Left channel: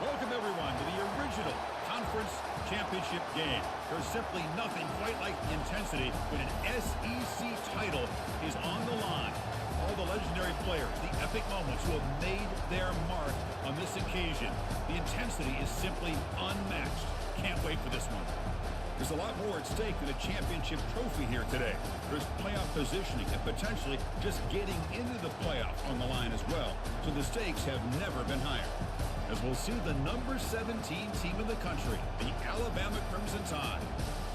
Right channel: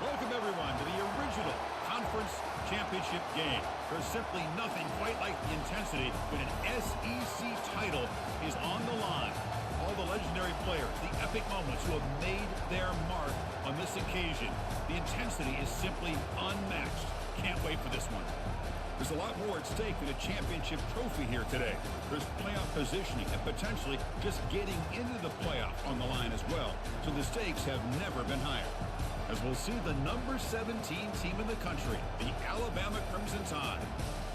Welcome, everyone, to the original conference championship game. There's simply nothing quite like the intensity when an SEC title is on the line. All the legendary players, the epic moments who have made their mark on this occasion. The intensity is simply unmatched. Can't wait for this one. There's a lot more at stake than a championship trophy here today. There's playoff positioning and potentially just getting into the playoff on the line as well. So the stakes have never been higher. As we'll see the number 17 team in the country, the Alabama Crimson Tide,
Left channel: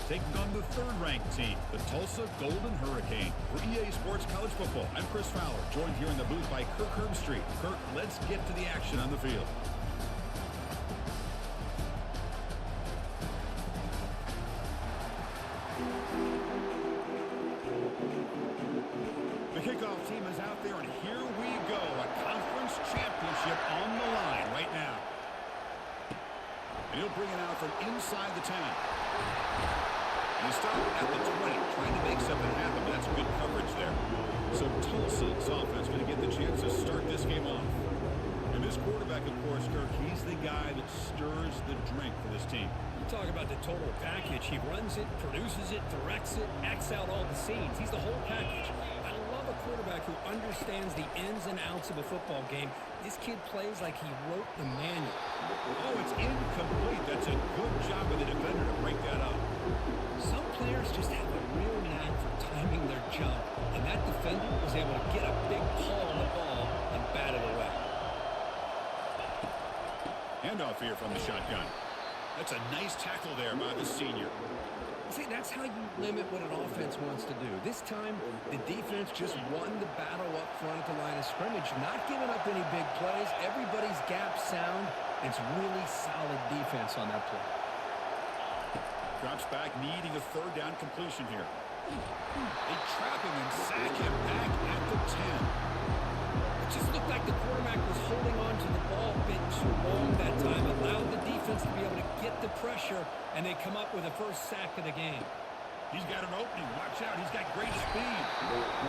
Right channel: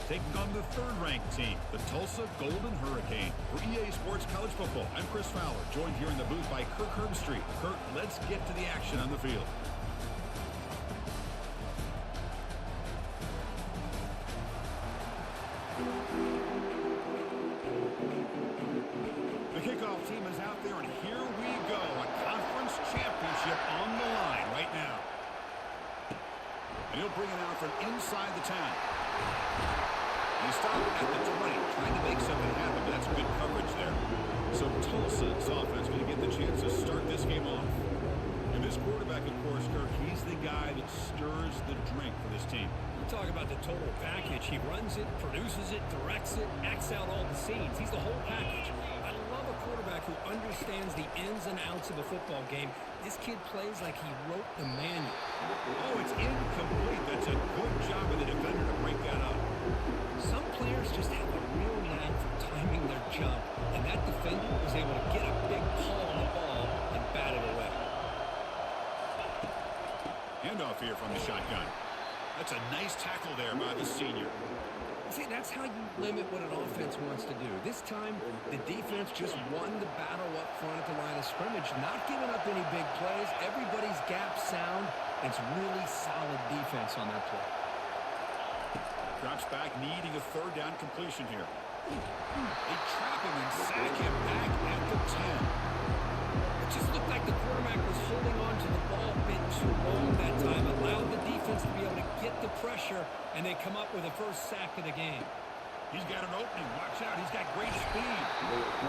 taking on the third-ranked team, the Tulsa Golden Hurricane. For EA Sports College Football, I'm Chris Fowler, joined here in the booth by Kirk Herbstreit. Kirk, let's get to the action on the field. The kickoff team is out there, and here we go. A conference championship on the line right now. And he'll bring it out from inside the 10. And he stopped at the 20, trying to make something happen, but that's good coverage there. So Tulsa's offense going to get the chance to start this game off. And this quarterback, of course, Kirk, he's the guy that stirs the drink for this team. You talk about the total package. He runs it, produces it, directs it, acts out all the scenes. He's the whole package. I love a quarterback who understands the ins and outs of a football game. This kid plays like he wrote the manual. Oh, it's incomplete. That's a good job of the defender to break that up. Some players just have a real knack for timing their jump, and that defender was able to get a big paw on the ball and bat it away. Handoff here from the shotgun. That's a nice tackle there by the senior. See, that's how you limit what an offense wants to do. This time, the defense just won the battle up front at the line of scrimmage, not giving up any big plays. Everybody's gap sound. It's really solid defense on that play. Drops back, needing a third down completion here. They trap him and sack him back at the 10. It just looked like the quarterback was holding on to the ball a bit too long that time, allowed the defense to be able to get the pressure, and they come up with the first sack of the game. He's got an opening. Watch out. He's got great speed.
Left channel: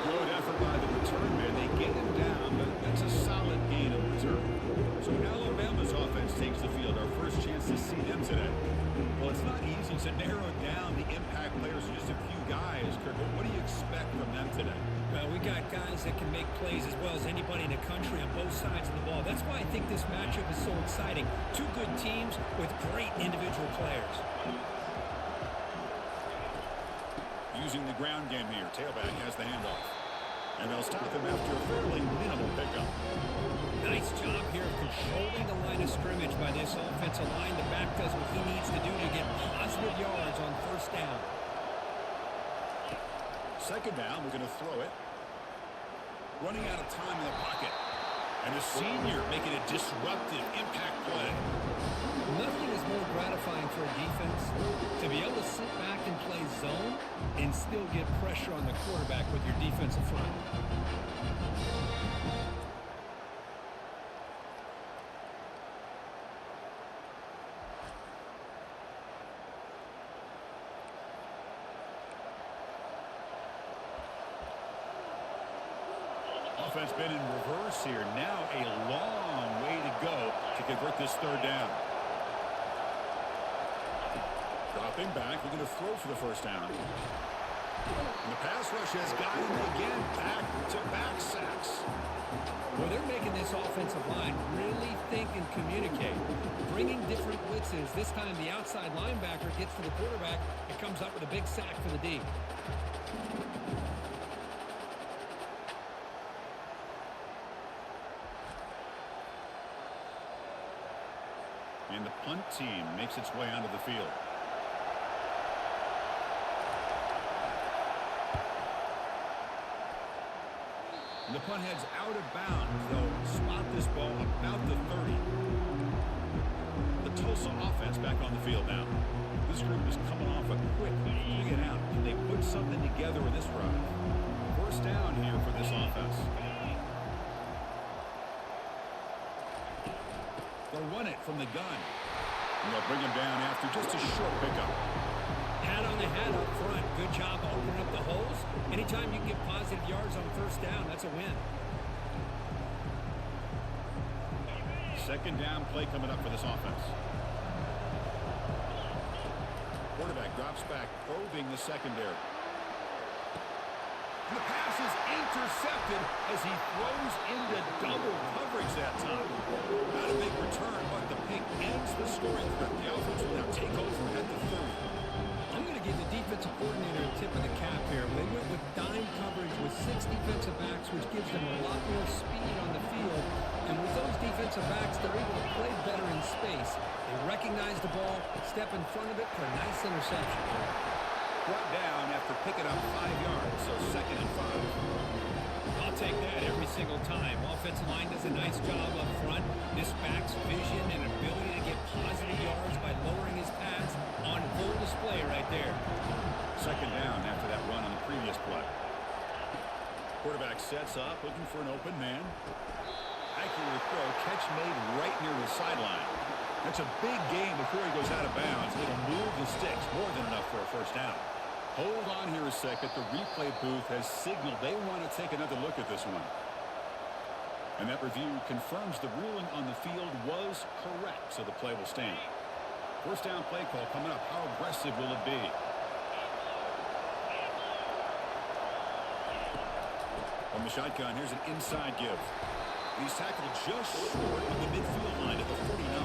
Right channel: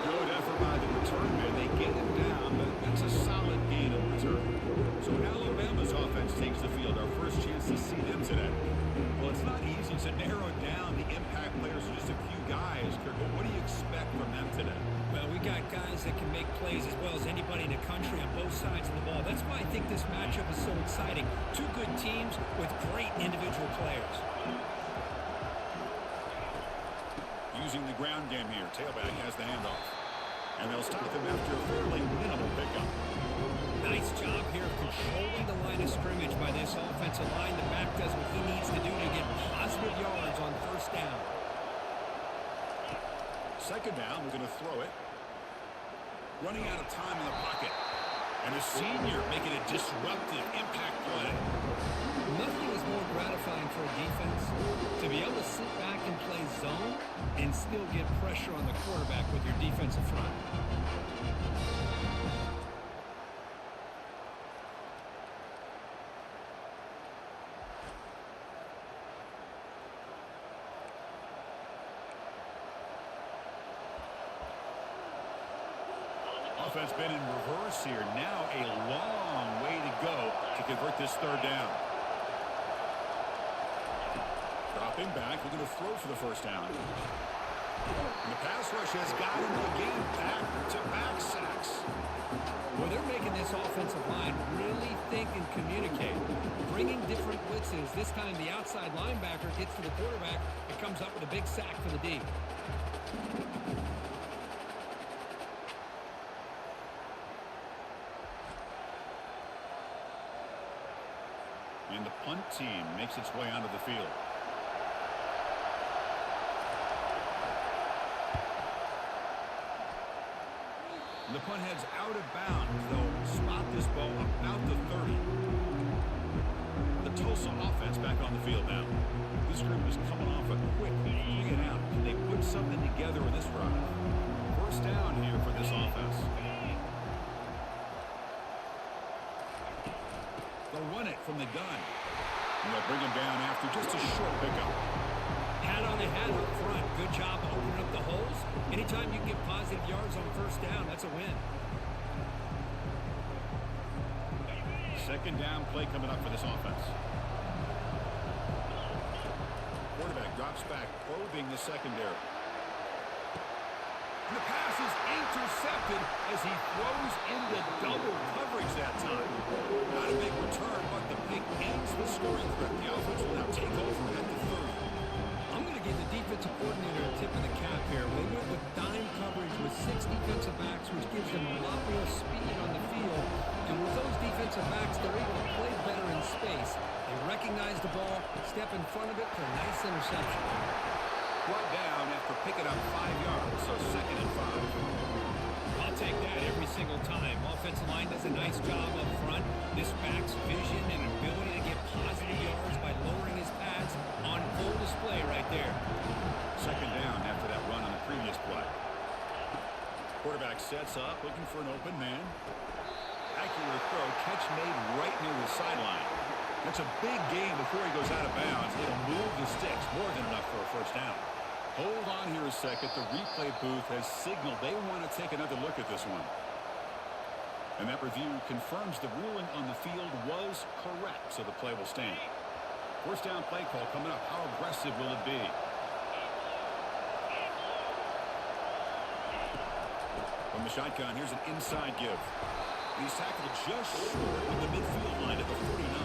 Good effort by the return man. They get him down, but that's a solid gain of return. So Alabama's offense takes the field. Our first chance to see them today. Well, it's not easy to narrow down the impact players to just a few guys, Kirk, but what do you expect from them today? Well, we got guys that can make plays as well as anybody in the country on both sides of the ball. That's why I think this matchup is so exciting. Two good teams with great individual players. Using the ground game here. Tailback has the handoff. And they'll stop him after a fairly minimal pickup. Nice job here of controlling the line of scrimmage by this offensive line. The back does what he needs to do to get positive yards on first down. Second down, we're going to throw it. Running out of time in the pocket. And the senior making a disruptive impact play. Nothing is more gratifying for a defense to be able to sit back and play zone and still get pressure on the quarterback with your defensive front. Offense been in reverse here. Now a long way to go to convert this third down. Dropping back, we're going to throw for the first down. And the pass rush has got him again. Back-to-back sacks. Well, they're making this offensive line really think and communicate. Bringing different blitzes. This time the outside linebacker gets to the quarterback and comes up with a big sack for the D. And the punt team makes its way onto the field. And the punt heads out of bounds. They'll spot this ball about the 30. The Tulsa offense back on the field now. This group is coming off a quick 3 and out. Can they put something together with this drive? First down here for this offense. They'll run it from the gun. And they'll bring him down after just a short pickup. Hat on a hat up front. Good job opening up the holes. Anytime you can get positive yards on first down, that's a win. Second down play coming up for this offense. Quarterback drops back, probing the secondary. The pass is intercepted as he throws into double coverage that time. Not a big return, but the pick ends the scoring threat. The offense will now take over at the 30. I'm going to give the defensive coordinator a tip of the cap here. They went with dime coverage with 6 defensive backs, which gives them a lot more speed on the field. And with those defensive backs, they're able to play better in space. They recognize the ball, step in front of it for a nice interception. Brought down after picking up 5 yards, so 2nd and 5. I'll take that every single time. Offensive line does a nice job up front. This back's vision and ability to get positive yards by lowering his pads on full display right there. 2nd down after that run on the previous play. Quarterback sets up, looking for an open man. Accurate throw, catch made right near the sideline. That's a big gain before he goes out of bounds. It'll move the sticks, more than enough for a first down. Hold on here a second. The replay booth has signaled they want to take another look at this one. And that review confirms the ruling on the field was correct, so the play will stand. First down play call coming up. How aggressive will it be? From the shotgun, here's an inside give. He's tackled just short of the midfield line at the 49.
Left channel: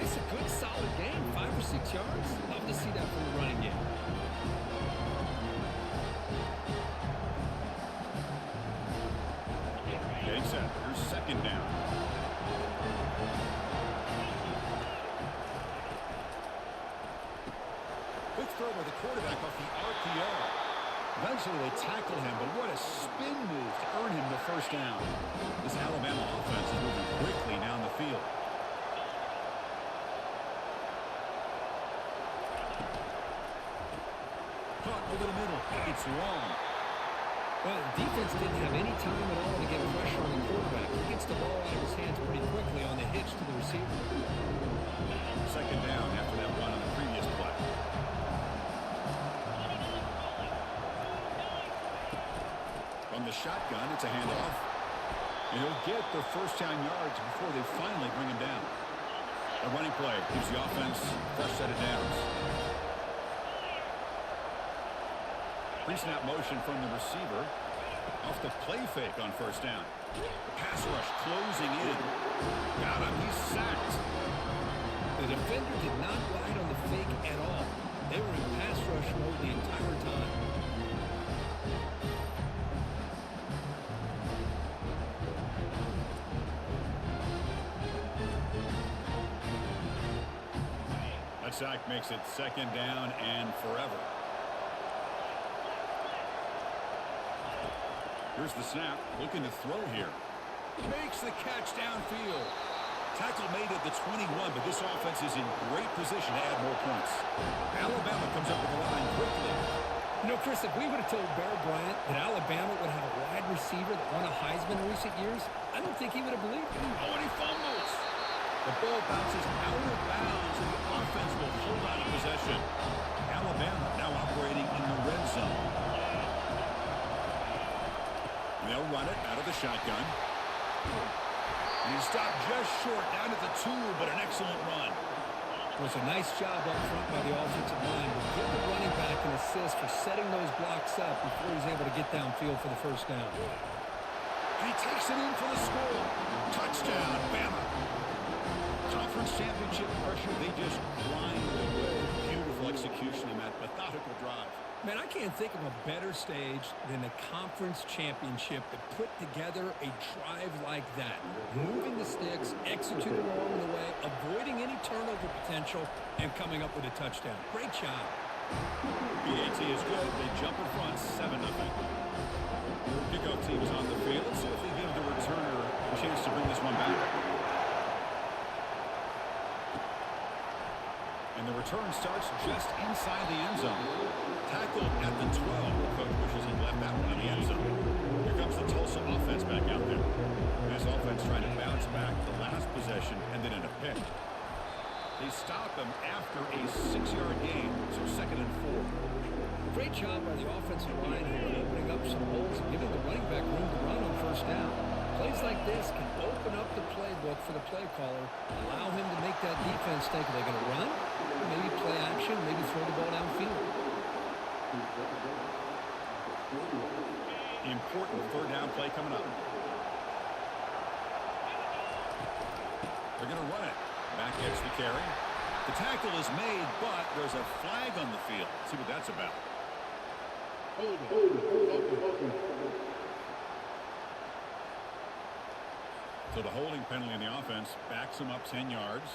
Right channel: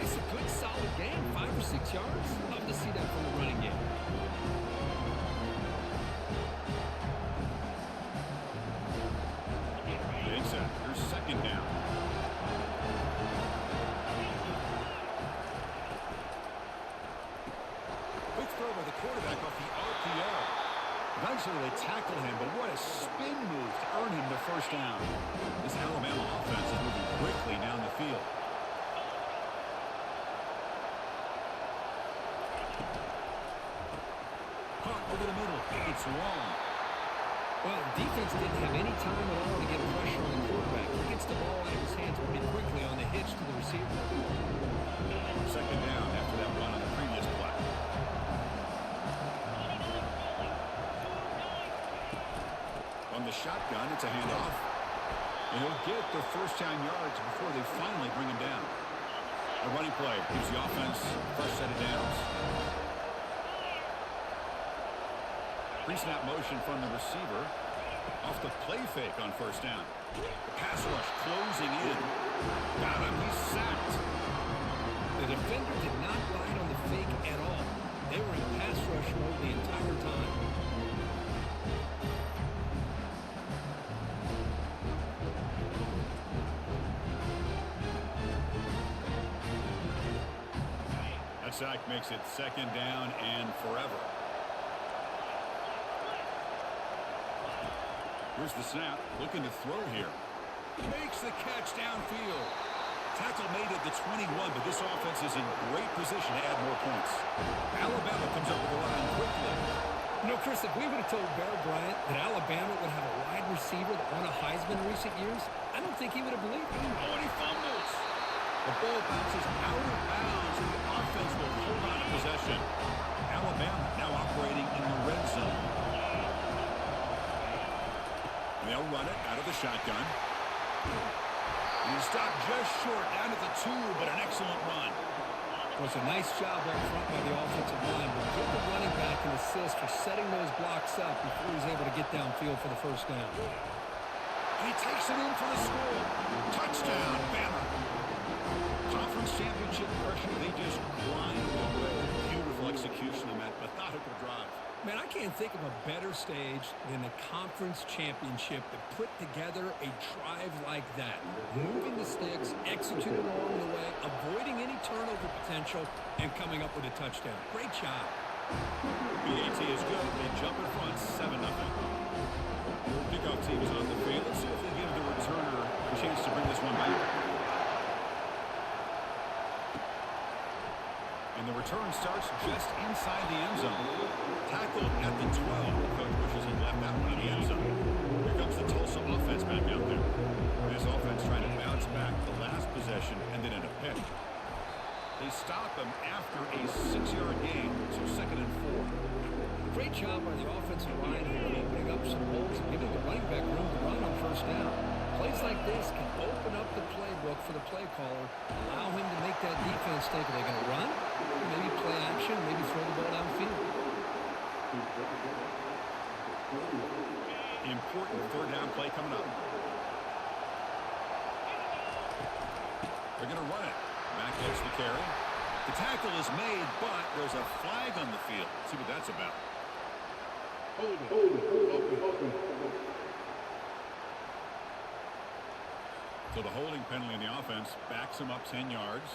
It's a good, solid game. 5 or 6 yards. Love to see that from the running game. Getting set. Here's 2nd down. Quick throw by the quarterback off the RPO. Eventually they tackle him, but what a spin move to earn him the first down. This Alabama offense is moving quickly down the field. Caught over the middle. It's long. Well, the defense didn't have any time at all to get pressure on the quarterback. He gets the ball out of his hands pretty quickly on the hitch to the receiver. 2nd down after that run on the previous play. From the shotgun, it's a handoff. And he'll get the first down yards before they finally bring him down. A running play gives the offense a fresh set of downs. Pre-snap motion from the receiver. Off the play fake on first down. The pass rush closing in. Got him. He's sacked. The defender did not bite on the fake at all. They were in pass rush mode the entire time. That sack makes it 2nd down and forever. Here's the snap, looking to throw here. Makes the catch downfield. Tackle made at the 21, but this offense is in great position to add more points. Alabama comes up with the line quickly. You know, Chris, if we would have told Bear Bryant that Alabama would have a wide receiver that won a Heisman in recent years, I don't think he would have believed it. Oh, and he fumbles. The ball bounces out of bounds, and the offense will hold on to possession. Alabama now operating in the red zone. And they'll run it out of the shotgun. And he stopped just short, down to the 2, but an excellent run. It was a nice job up front by the offensive line, but give the running back an assist for setting those blocks up before he was able to get downfield for the first down. And he takes it in for the score. Touchdown, Bama. Conference championship pressure, they just grind away. Beautiful execution on that methodical drive. Man, I can't think of a better stage than the conference championship to put together a drive like that. Moving the sticks, executing along the way, avoiding any turnover potential, and coming up with a touchdown. Great job. BAT is good. They jump in front, 7-0. Kickoff team is on the field. Let's see if they give the returner a chance to bring this one back. And the return starts just inside the end zone. Tackled at the 12. The coach wishes he left that one in the end zone. Here comes the Tulsa offense back out there. This offense trying to bounce back the last possession, ended in a pick. They stop him after a 6-yard gain, so 2nd and 4. Great job by the offensive line here, opening up some holes and giving the running back room to run on first down. Plays like this can open up the playbook for the play caller, allow him to make that defense think, are they going to run? Maybe play action, maybe throw the ball downfield. Important third down play coming up. They're going to run it. Back gets the carry. The tackle is made, but there's a flag on the field. Let's see what that's about. Hold it. So the holding penalty in the offense backs him up 10 yards.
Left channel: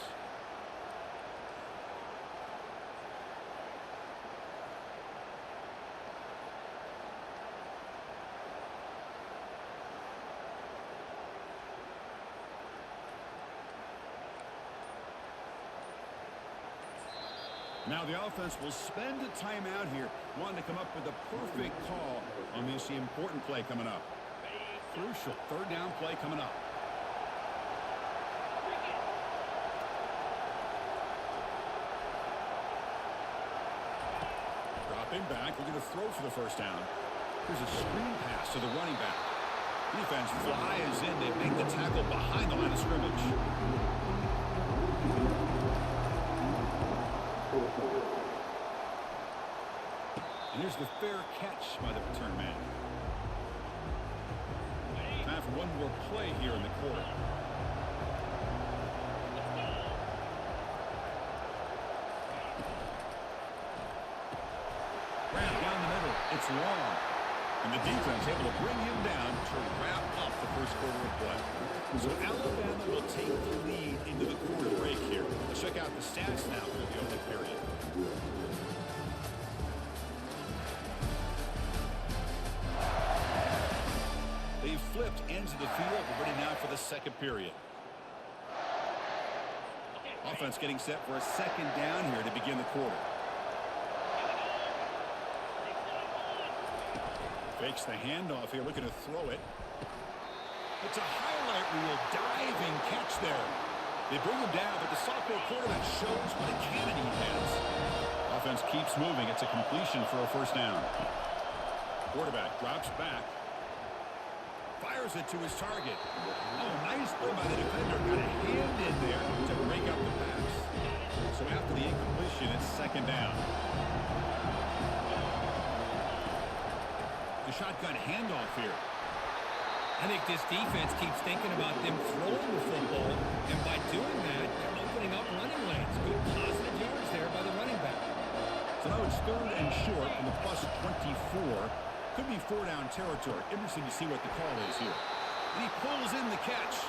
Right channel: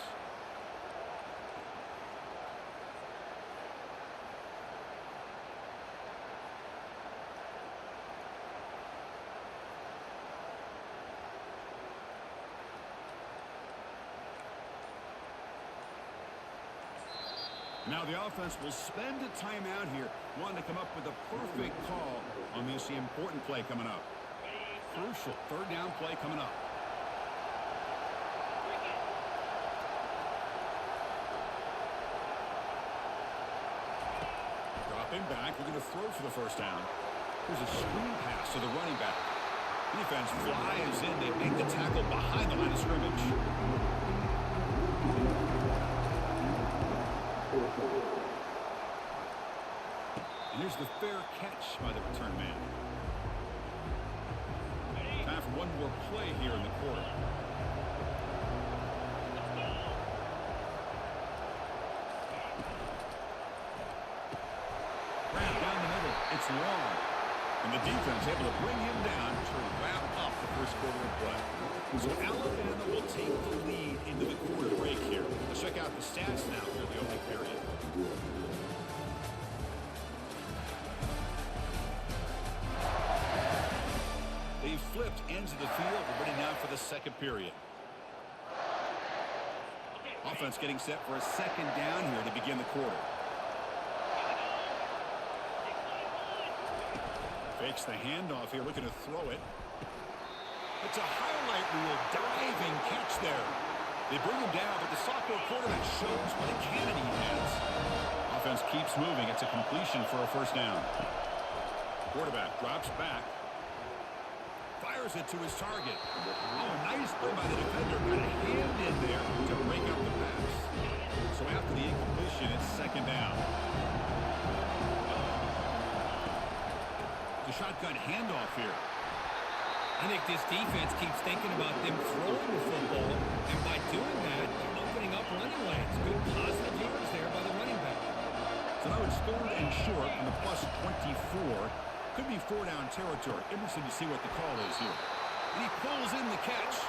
Now the offense will spend a timeout here, wanting to come up with a perfect call on this important play coming up. Crucial third down play coming up. Dropping back, looking to throw for the first down. Here's a screen pass to the running back. Defense flies in. They make the tackle behind the line of scrimmage. And here's the fair catch by the return man. Time for one more play here in the quarter. Ramp down the middle. It's long. And the defense able to bring him down to wrap up the first quarter of play. So Alabama will take the lead into the quarter break here. Let's check out the stats now through the opening period. They've flipped ends of the field. We're ready now for the second period. Offense getting set for a second down here to begin the quarter. Fakes the handoff here, looking to throw it. It's a highlight reel diving catch there. They bring him down, but the sophomore quarterback shows what a cannon he has. Offense keeps moving. It's a completion for a first down. Quarterback drops back. Fires it to his target. Oh, a nice play by the defender. Got a hand in there to break up the pass. So after the incompletion, it's second down. The shotgun handoff here. I think this defense keeps thinking about them throwing the football, and by doing that, they're opening up running lanes. Good positive yards there by the running back. So now it's third and short from the plus 24. Could be four-down territory. Interesting to see what the call is here. And he pulls in the catch.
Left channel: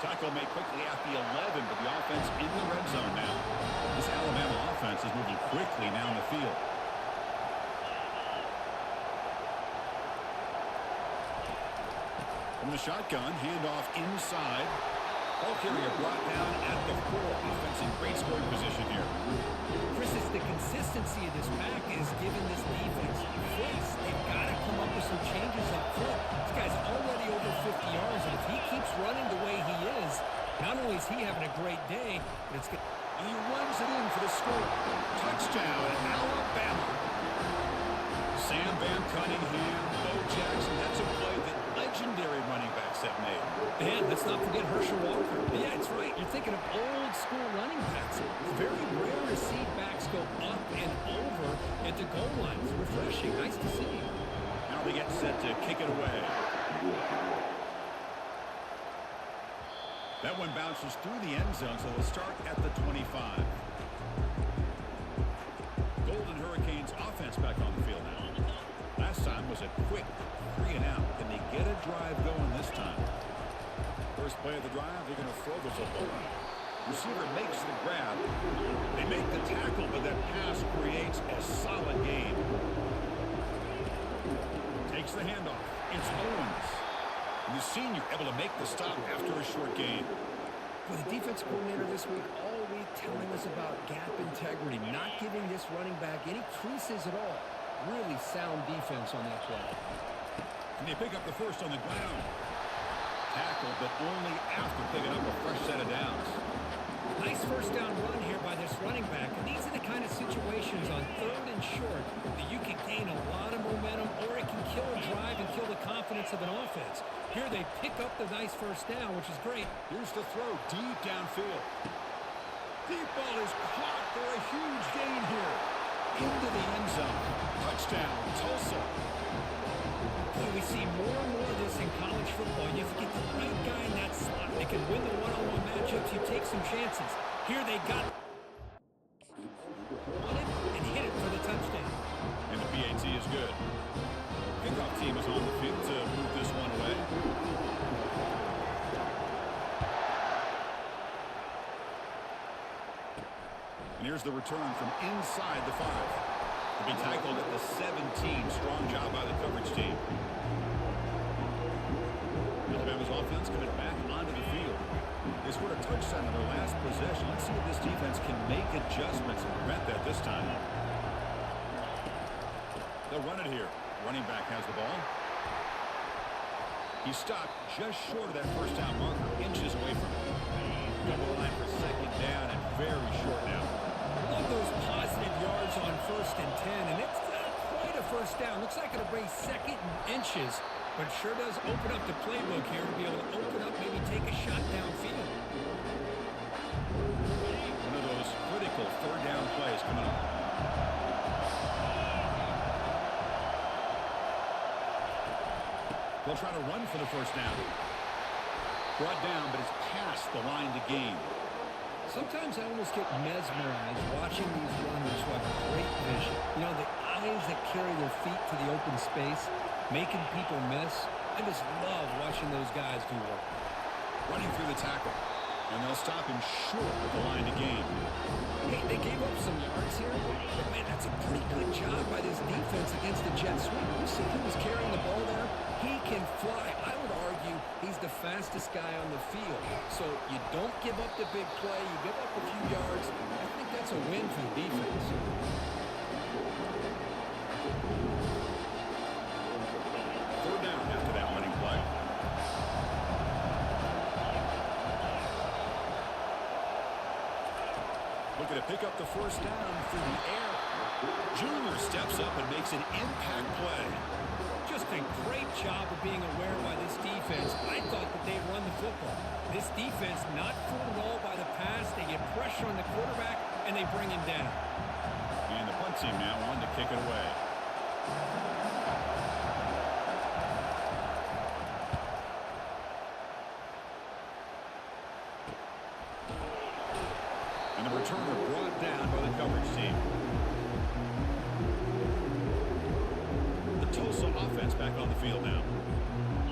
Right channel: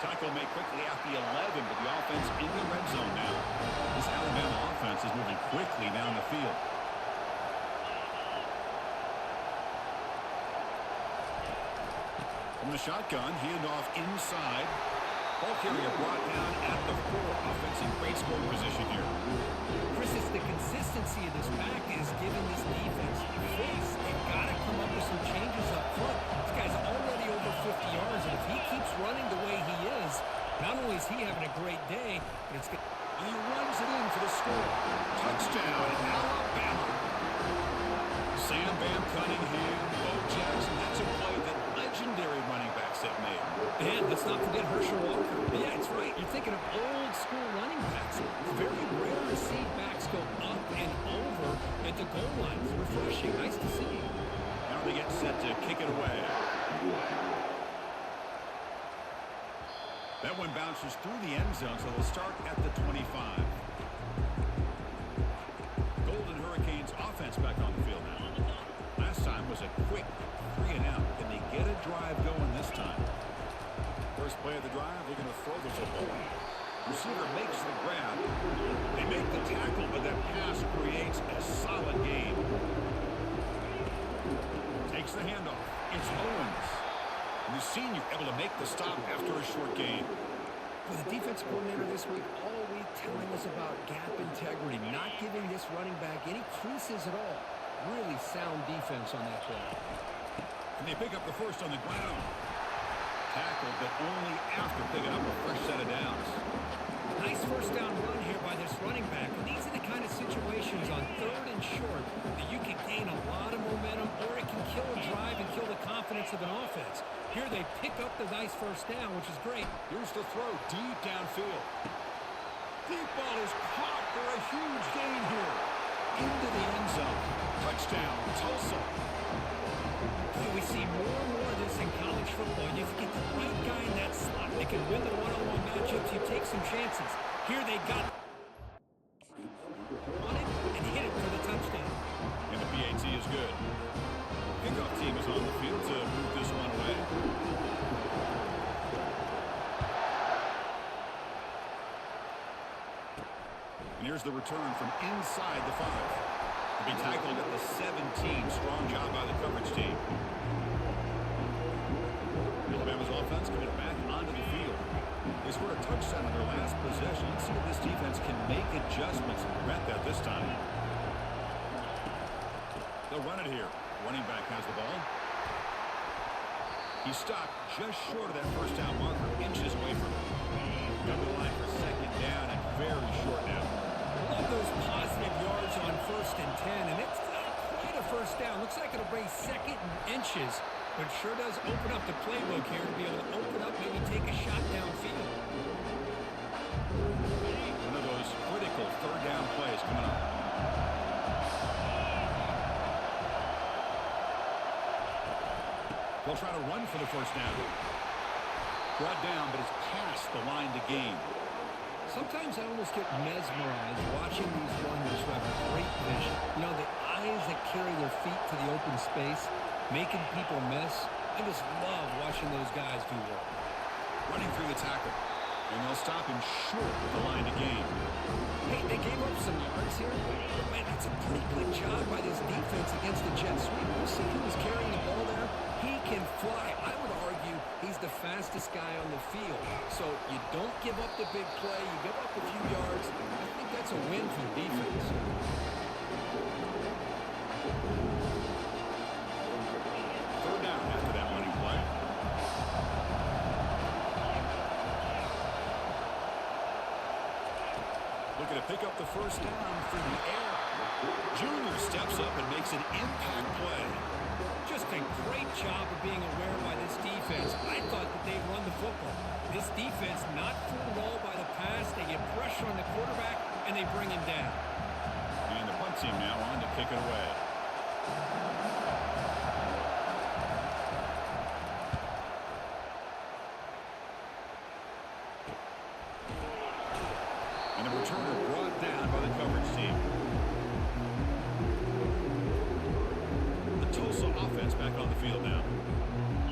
Tackle made quickly at the 11, but the offense in the red zone now. This Alabama offense is moving quickly down the field. From the shotgun, handoff inside. Ball carrier brought down at the 4. Offense in great scoring position here. Chris, it's the consistency of this pack is giving this defense fits. They've got to come up with some changes up front. This guy's already over 50 yards, and if he keeps running the way he is, not only is he having a great day, but it's good. And he runs it in for the score. Touchdown, Alabama. Sam Van Cunningham, Bo Jackson. That's a play that legendary running backs have made. And let's not forget Herschel Walker. Yeah, it's right. You're thinking of old school running backs. It's very rare to see backs go up and over at the goal line. It's refreshing. Nice to see. Now they get set to kick it away. That one bounces through the end zone, so they'll start at the 25. Golden Hurricanes offense back on the field now. Last time was a quick 3-and-out. Can they get a drive going this time? First play of the drive, looking to throw the football. Receiver makes the grab. They make the tackle, but that pass creates a solid gain. Takes the handoff. It's Owens. And the senior able to make the stop after a short gain. With the defense coordinator this week, all week telling us about gap integrity, not giving this running back any creases at all. Really sound defense on that play. And they pick up the first on the ground. Tackled, but only after picking up a fresh set of downs. Nice first down run here by this running back. And these are the kind of situations on 3rd and short that you can gain a lot of momentum, or it can kill a drive and kill the confidence of an offense. Here they pick up the nice first down, which is great. Here's the throw deep downfield. Deep ball is caught for a huge gain here. Into the end zone. Touchdown, Tulsa. Boy, we see more and more of this in college football. If you get the right guy in that slot that can win the one-on-one matchups, you take some chances. Here they got on it and hit it for the touchdown. And the PAT is good. Kickoff team is on the field to move this one away. And here's the return from inside the 5. To be tackled at the 17. Strong job by the coverage team. Alabama's offense coming back onto the field. They scored a touchdown on their last possession. Let's see if this defense can make adjustments and prevent that this time. They'll run it here. Running back has the ball. He stopped just short of that first down marker, inches away from it. Come to the line for 2nd down and very short now. Love those positive yards on 1st and 10, and it's not quite a first down. Looks like it'll bring 2nd and inches, but it sure does open up the playbook here to be able to open up, maybe take a shot downfield. One of those critical 3rd down plays coming up. They'll try to run for the first down. Brought down, but it's past the line to gain. Sometimes I almost get mesmerized watching these runners who have great vision. You know, the eyes that carry their feet to the open space, making people miss. I just love watching those guys do work. Running through the tackle. And they'll stop him short of the line to gain. Hey, they gave up some yards here, but man, that's a pretty good job by this defense against the jet sweep. You see who was carrying the ball there? He can fly. I would argue he's the fastest guy on the field. So you don't give up the big play. You give up a few yards. I think that's a win for the defense. Third down after that running play. Looking to pick up the first down through the air. Junior steps up and makes an impact play. Just a great job of being aware by this defense. I thought that they'd run the football. This defense not fooled at all by the pass. They get pressure on the quarterback, and they bring him down. And the punt team now on to kick it away. And the returner brought down by the coverage team. The Tulsa offense back on the field now.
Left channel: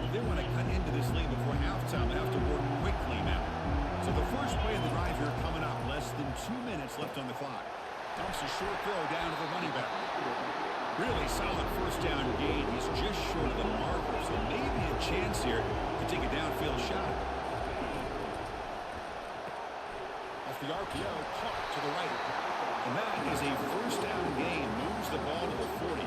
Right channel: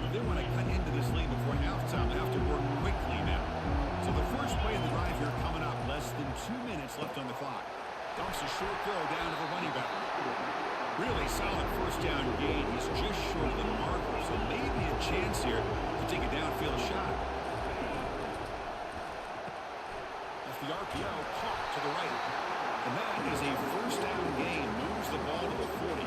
If they want to cut into this lead before halftime, they have to work quickly now. So the first play of the drive here coming up. Less than 2 minutes left on the clock. Dumps a short throw down to the running back. Really solid first down gain. He's just short of the marker, so maybe a chance here to take a downfield shot. The RPO caught to the right. And that is a first down gain. Moves the ball to the 40.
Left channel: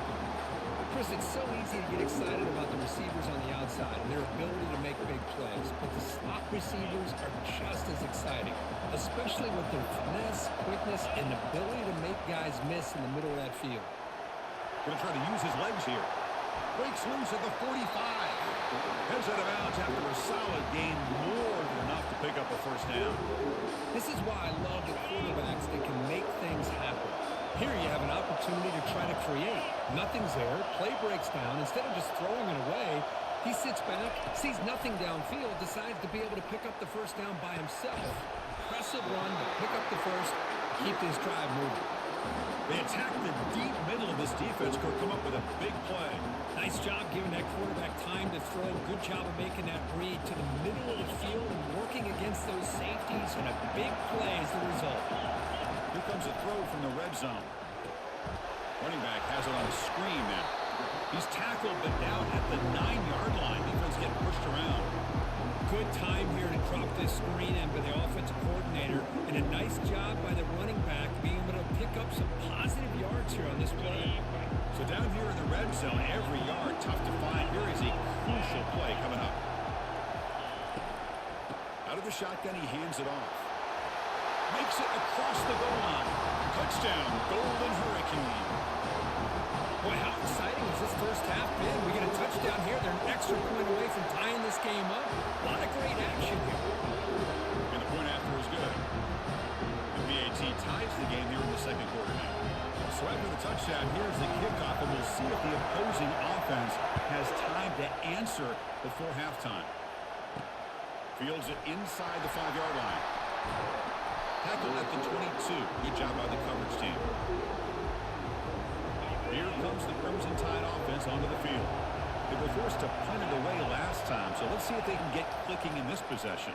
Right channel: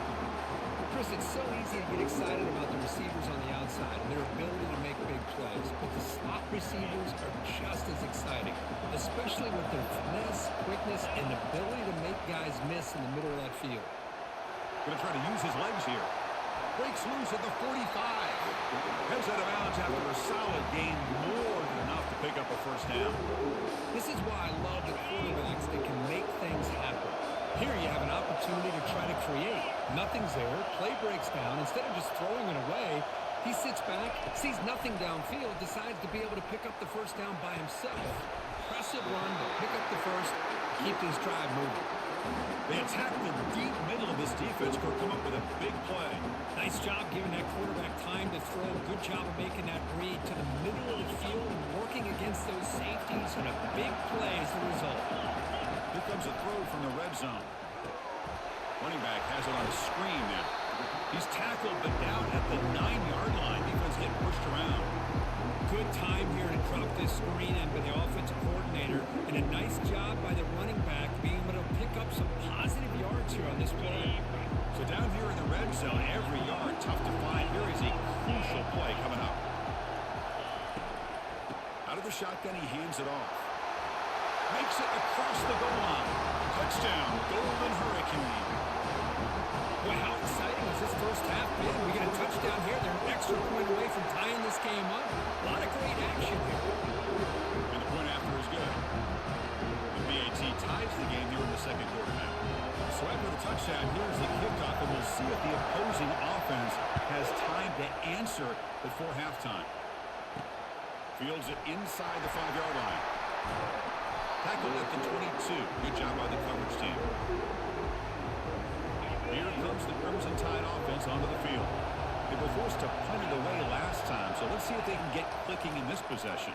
Chris, it's so easy to get excited about the receivers on the outside and their ability to make big plays. But the slot receivers are just as exciting, especially with their finesse, quickness, and ability to make guys miss in the middle of that field. Going to try to use his legs here. Breaks loose at the 45. Heads out of bounds after a solid gain, more than enough to pick up a first down. This is why I love the quarterbacks that can make things happen. Here you have an opportunity to try to create. Nothing's there. Play breaks down. Instead of just throwing it away, he sits back, sees nothing downfield, decides to be able to pick up the first down by himself. Impressive run to pick up the first, keep this drive moving. They attack the deep middle of this defense, Kirk, come up with a big play. Nice job giving that quarterback time to throw. Good job of making that read to the middle of the field and working against those safeties, and a big play is the result. Here comes a throw from the red zone. Running back has it on a screen now. He's tackled, but down at the 9-yard line. Defense getting pushed around. Good time here to drop this screen in by the offensive coordinator, and a nice job by the running back being able to pick up some positive yards here on this play. So down here in the red zone, every yard tough to find. Here is a crucial play coming up. Out of the shotgun, he hands it off. Makes it across the goal line. Touchdown, Golden Hurricane. Boy, how exciting has this first half been? We get a touchdown here. They're an extra point away from tying this game up. A lot of great action here. And the point after is good. And BAT ties the game here in the second quarter now. So after the touchdown, here's the kickoff, and we'll see if the opposing offense has time to answer before halftime. Fields it inside the 5-yard line. Tackled at the 22. Good job by the coverage team. Here comes the Crimson Tide offense onto the field. They were forced to punt it away last time, so let's see if they can get clicking in this possession.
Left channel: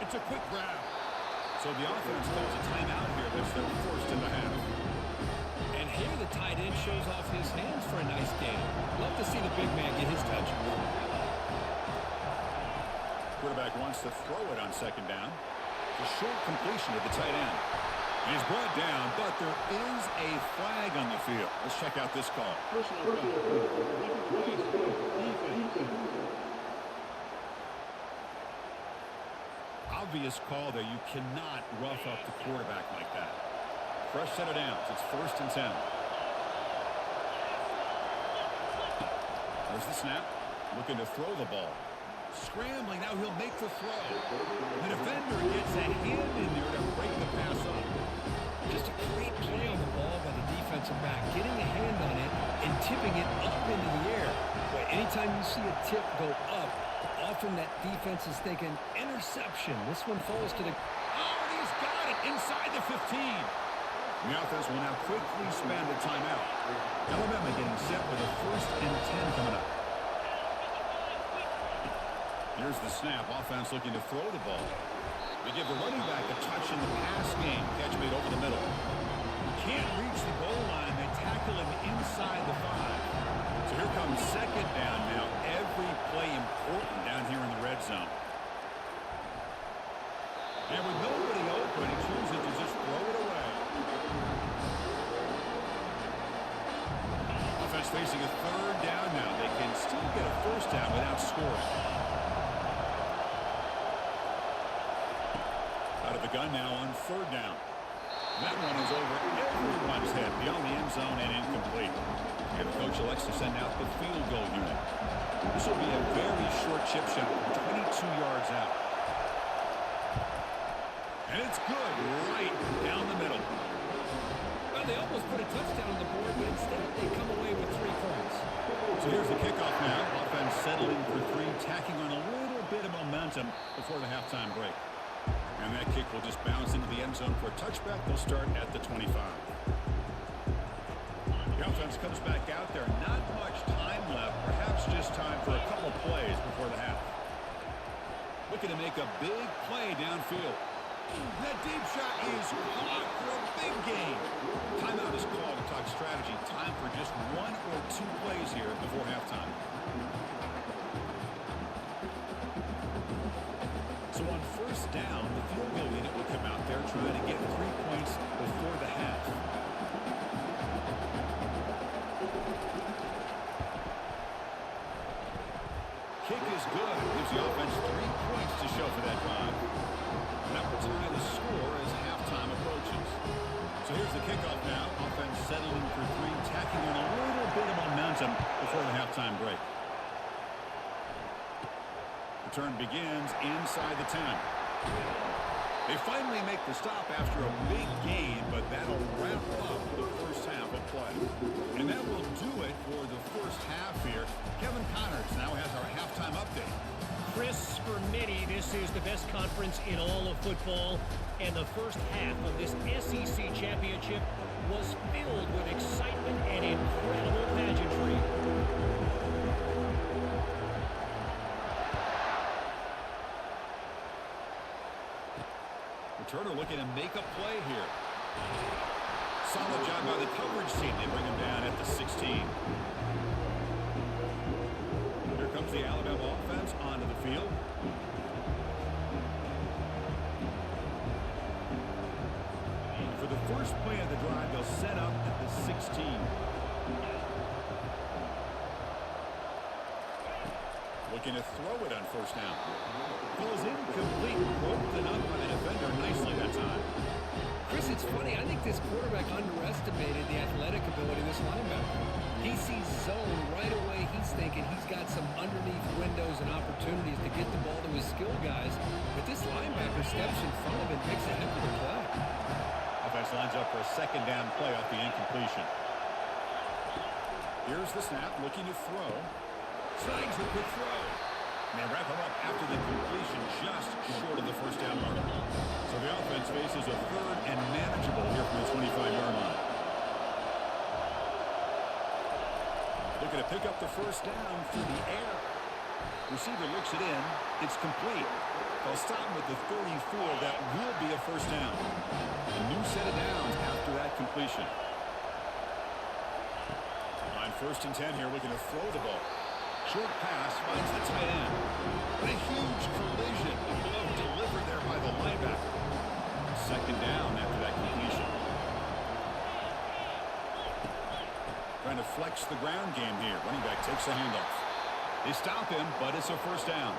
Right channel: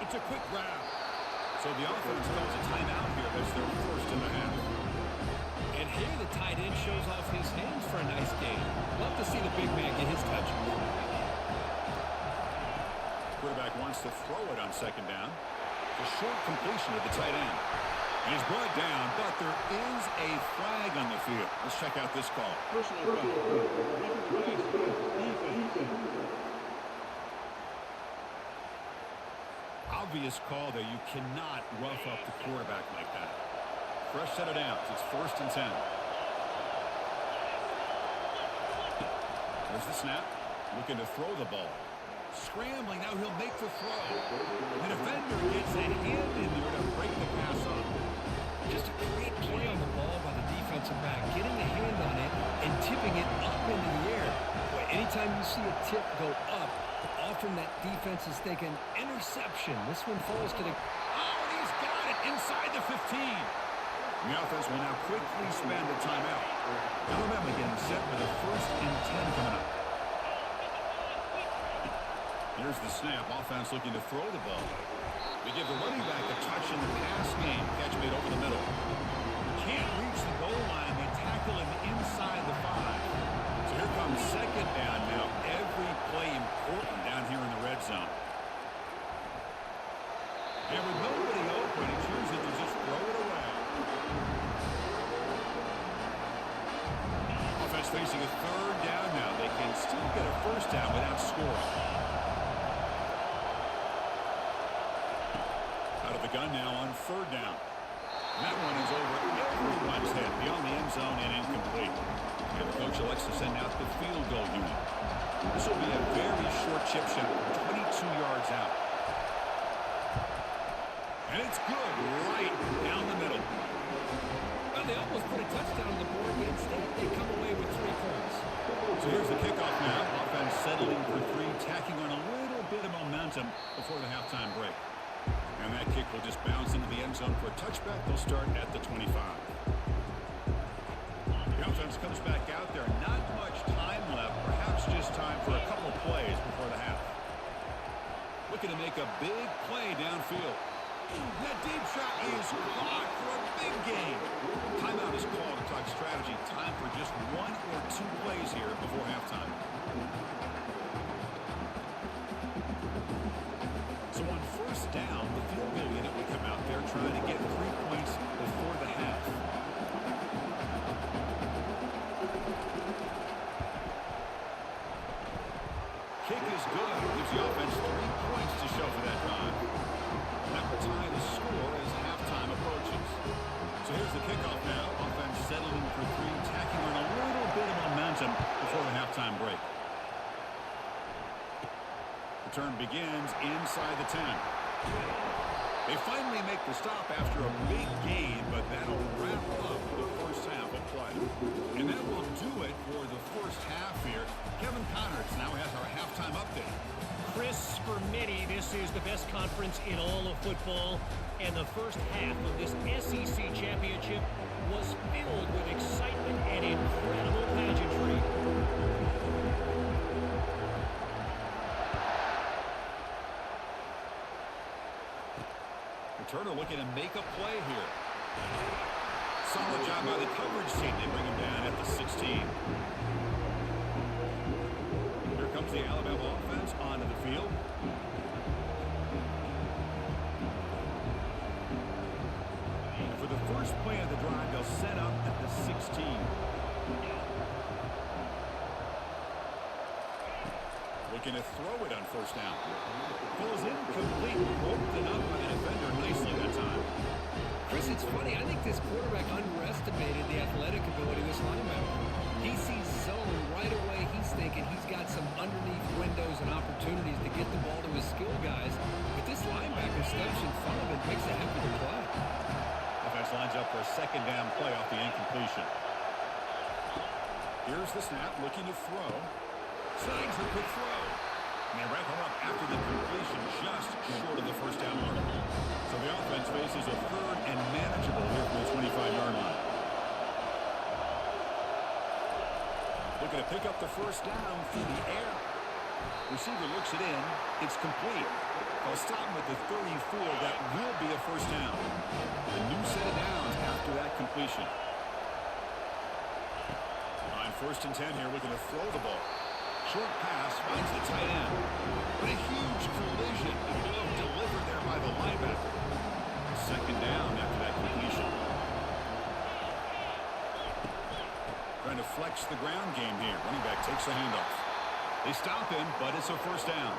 It's a quick grab. So the offense calls a timeout here. That's their first in the half. And here the tight end shows off his hands for a nice game. Love to see the big man get his touches. Quarterback wants to throw it on second down. The short completion of the tight end. And he's brought down, but there is a flag on the field. Let's check out this call. Personal foul. Defense. Obvious call there. You cannot rough up the quarterback like that. Fresh set of downs. It's 1st and 10. There's the snap. Looking to throw the ball. Scrambling. Now he'll make the throw. The defender gets a hand in there to break the pass up. Just a great play on the ball by the defensive back. Getting a hand on it and tipping it up into the air. Boy, anytime you see a tip go up, often that defense is thinking interception. This one falls to the... Oh, and he's got it inside the 15. The offense will now quickly spend a timeout. Alabama getting set with a 1st and 10 coming up. Here's the snap. Offense looking to throw the ball. They give the running back a touch in the pass game. Catch made over the middle. Can't reach the goal line. They tackle him inside the 5. So here comes second down now. Every play important down here in the red zone. And with nobody open, he chooses to just throw it away. Offense facing a 3rd down now. They can still get a 1st down without scoring. Out of the gun now on 3rd down. And that one is over everyone's head beyond the end zone and incomplete. And the coach elects to send out the field goal unit. This will be a very short chip shot, 22 yards out. And it's good right down the middle. Well, they almost put a touchdown on the board, but instead they come away with 3 points. So here's the kickoff now. Offense settling for 3, tacking on a little bit of momentum before the halftime break. And that kick will just bounce into the end zone for a touchback. They'll start at the 25. The offense comes back out there. Not much time left. Perhaps just time for a couple plays before the half. Looking to make a big play downfield. That deep shot is caught for a big gain. Timeout is called to talk strategy. Time for just 1 or 2 plays here before halftime. So on 1st down, the field goal unit will come out there trying to get 3 points before the half. Kick is good. Gives the offense 3 points to show for that drive. And that will tie the score as halftime approaches. So here's the kickoff now. Offense settling for 3, tacking on a little bit of momentum before the halftime break. Return begins inside the 10. They finally make the stop after a big gain, but that'll wrap up the first half of play. And that will do it for the first half here. Kevin Connors now has our halftime update. Chris, for many, this is the best conference in all of football, and the first half of this SEC championship was filled with excitement and incredible pageantry. Turner looking to make a play here. Solid job by the coverage team. They bring him down at the 16. Here comes the Alabama offense onto the field. And for the first play of the drive, they'll set up at the 16. looking to throw it on first down. Ball is incomplete, broken up by the defender nicely that time. Chris, it's funny. I think this quarterback underestimated the athletic ability of this linebacker. He sees zone right away. He's thinking he's got some underneath windows and opportunities to get the ball to his skill guys. But this linebacker steps in front of it, makes a heck of a play. Offense lines up for a second down play off the incompletion. Here's the snap, looking to throw. Slides the quick throw. And they wrap him up after the completion, just short of the first down marker. So the offense faces a third and manageable here from the 25-yard line. Looking to pick up the first down through the air. Receiver looks it in. It's complete. They'll stop him at the 34. That will be a first down. A new set of downs after that completion. On 1st and 10 here, looking to throw the ball. Short pass finds the tight end. But a huge collision. Blow delivered there by the linebacker. Second down after that completion. Trying to flex the ground game here. Running back takes the handoff. They stop him, but it's a first down.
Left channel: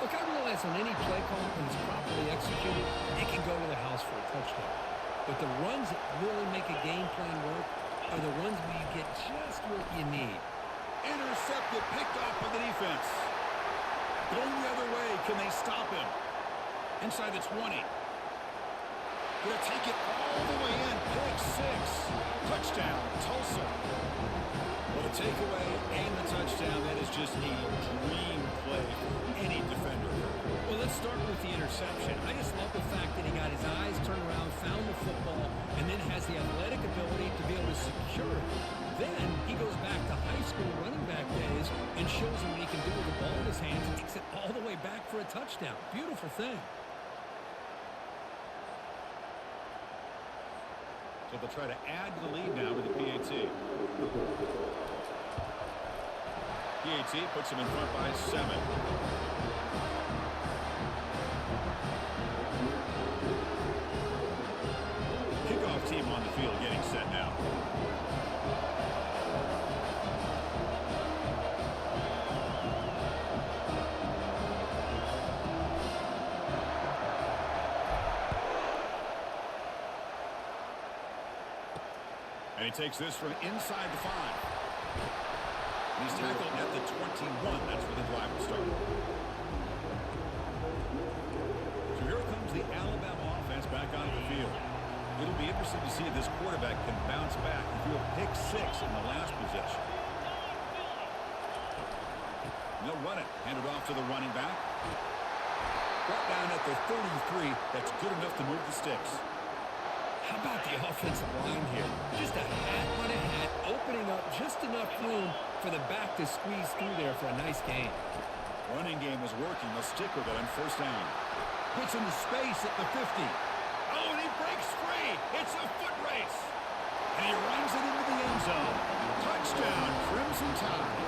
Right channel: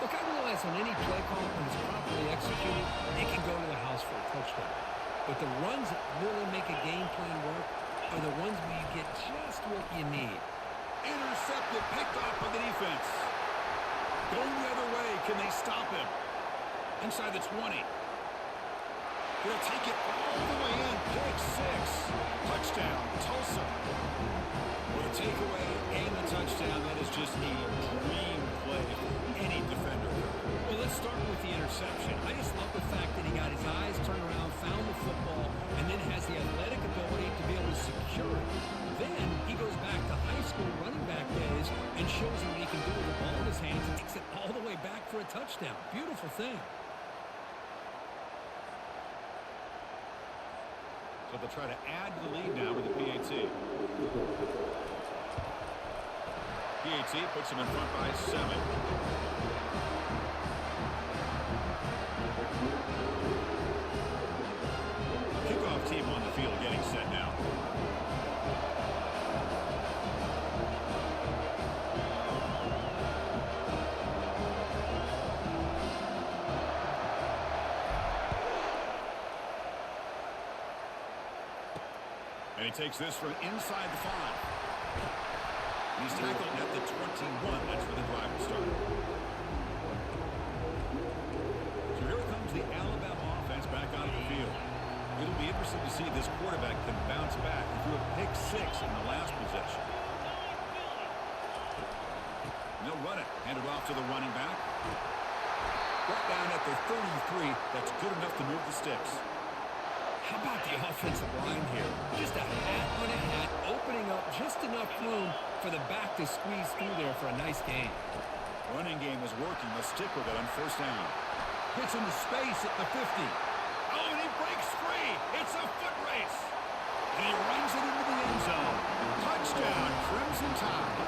Look, I realize on any play call, when it's properly executed, it can go to the house for a touchdown. But the runs that really make a game plan work are the ones where you get just what you need. Intercepted, picked off by the defense. Going the other way, can they stop him? Inside the 20. Gonna take it all the way in. Pick 6. Touchdown, Tulsa. Well, the takeaway and the touchdown, that is just a dream play for any defender. Well, let's start with the interception. I just love the fact that he got his eyes turned around, found the football, and then has the athletic ability to be able to secure it. Then he goes back to high school running back days and shows you what he can do with the ball in his hands and takes it all the way back for a touchdown. Beautiful thing. So they'll try to add to the lead now with the PAT. PAT puts them in front by 7. Kickoff team on the field getting set now. And he takes this from inside the 5. And he's tackled at the 21. That's where the drive will start. So here comes the Alabama offense back onto the field. It'll be interesting to see if this quarterback can bounce back. He threw a pick 6 in the last possession. And they'll run it. Hand it off to the running back. Brought down at the 33. That's good enough to move the sticks. How about the offensive line here? Just a hat on a hat, opening up just enough room for the back to squeeze through there for a nice gain. Running game is working. They'll stick with it on first down. Gets into space at the 50. Oh, and he breaks free. It's a foot race. And he runs it into the end zone. Touchdown, Crimson Tide.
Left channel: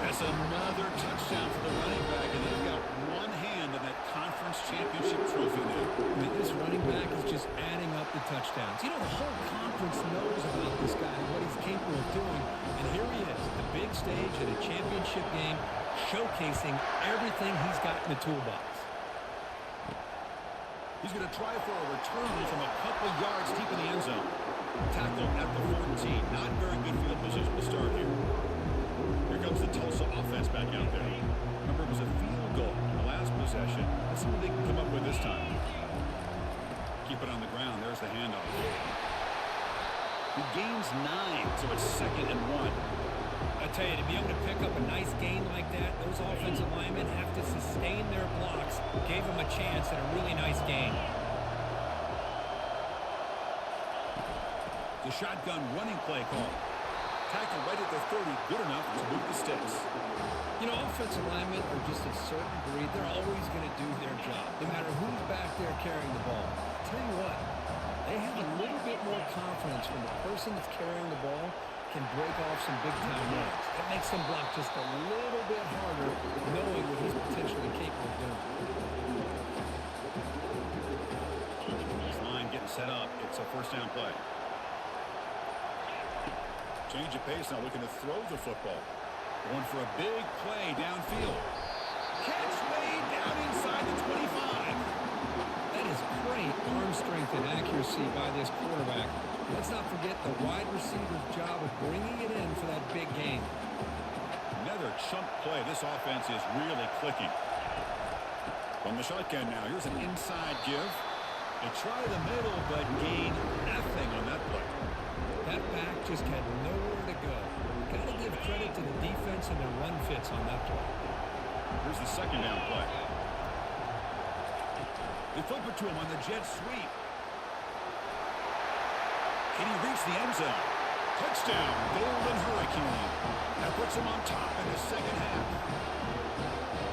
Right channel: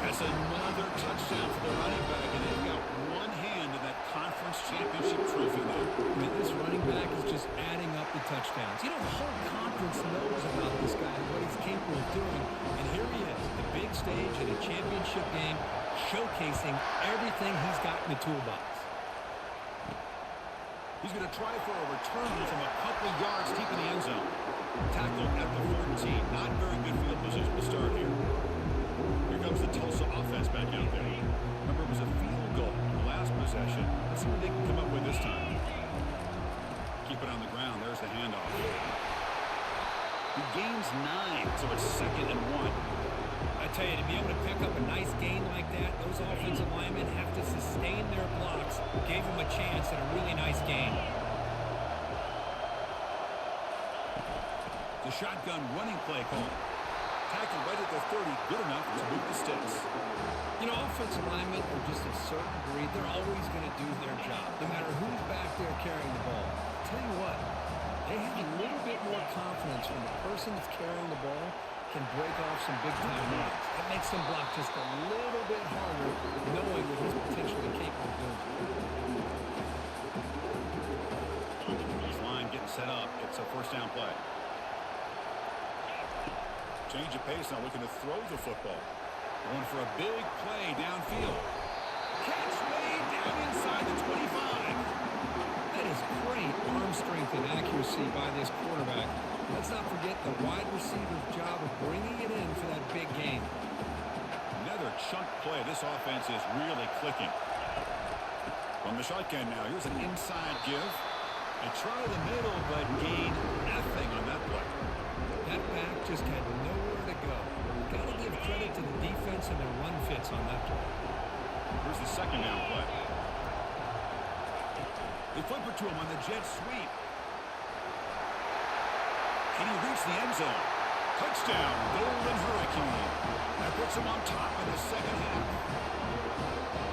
That's another touchdown for the running back, and they've got one hand in that conference championship trophy now. I mean, this running back is just adding up the touchdowns. You know, the whole conference knows about this guy and what he's capable of doing. And here he is, the big stage at a championship game, showcasing everything he's got in the toolbox. He's going to try for a return from a couple yards deep in the end zone. Tackle at the 14. Not very good field position to start here. Here comes the Tulsa offense back out there. Remember, it was a field goal in the last possession. Let's see what they can come up with this time. Keep it on the ground. There's the handoff. He gains 9, so it's 2nd and 1. I tell you, to be able to pick up a nice gain like that, those offensive linemen have to sustain their blocks. Gave them a chance at a really nice gain. The shotgun running play call. Tackle right at the 30, good enough to move the sticks. You know, offensive linemen are just a certain breed. They're always going to do their job, no matter who's back there carrying the ball. I'll tell you what, they have a little bit more confidence when the person that's carrying the ball can break off some big-time runs. That makes them block just a little bit harder, knowing what he's potentially capable of doing. This line getting set up. It's a first down play. Change of pace now, looking to throw the football. Going for a big play downfield. Catch made down inside the 25. That is great arm strength and accuracy by this quarterback. Let's not forget the wide receiver's job of bringing it in for that big gain. Another chunk play. This offense is really clicking. From the shotgun now, here's an inside give. They try the middle, but gain nothing on that play. That back just had nowhere to go. Got to give credit to the defense and their run fits on that play. Here's the second down play. They flip it to him on the jet sweep. Can he reach the end zone? Touchdown, Golden Hurricane. That puts him on top in the second half.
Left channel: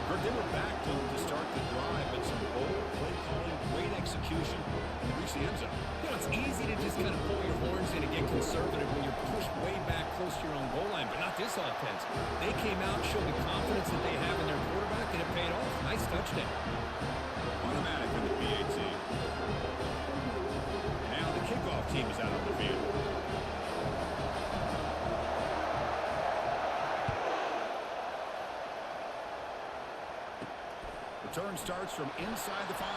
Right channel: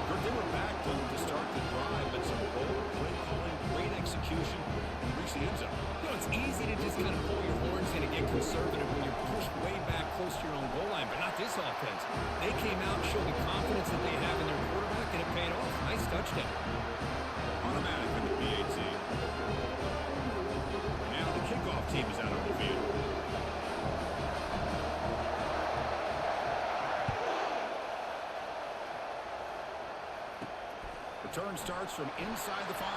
Kirk, they were backed up to start the drive, but some bold play calling, great execution, and they reached the end zone. You know, it's easy to just kind of pull your horns in and get conservative when you're pushed way back close to your own goal line, but not this offense. They came out, showed the confidence that they have in their quarterback, and it paid off. Nice touchdown. Automatic in the PAT. Now the kickoff team is out on the field. Return starts from inside the 5.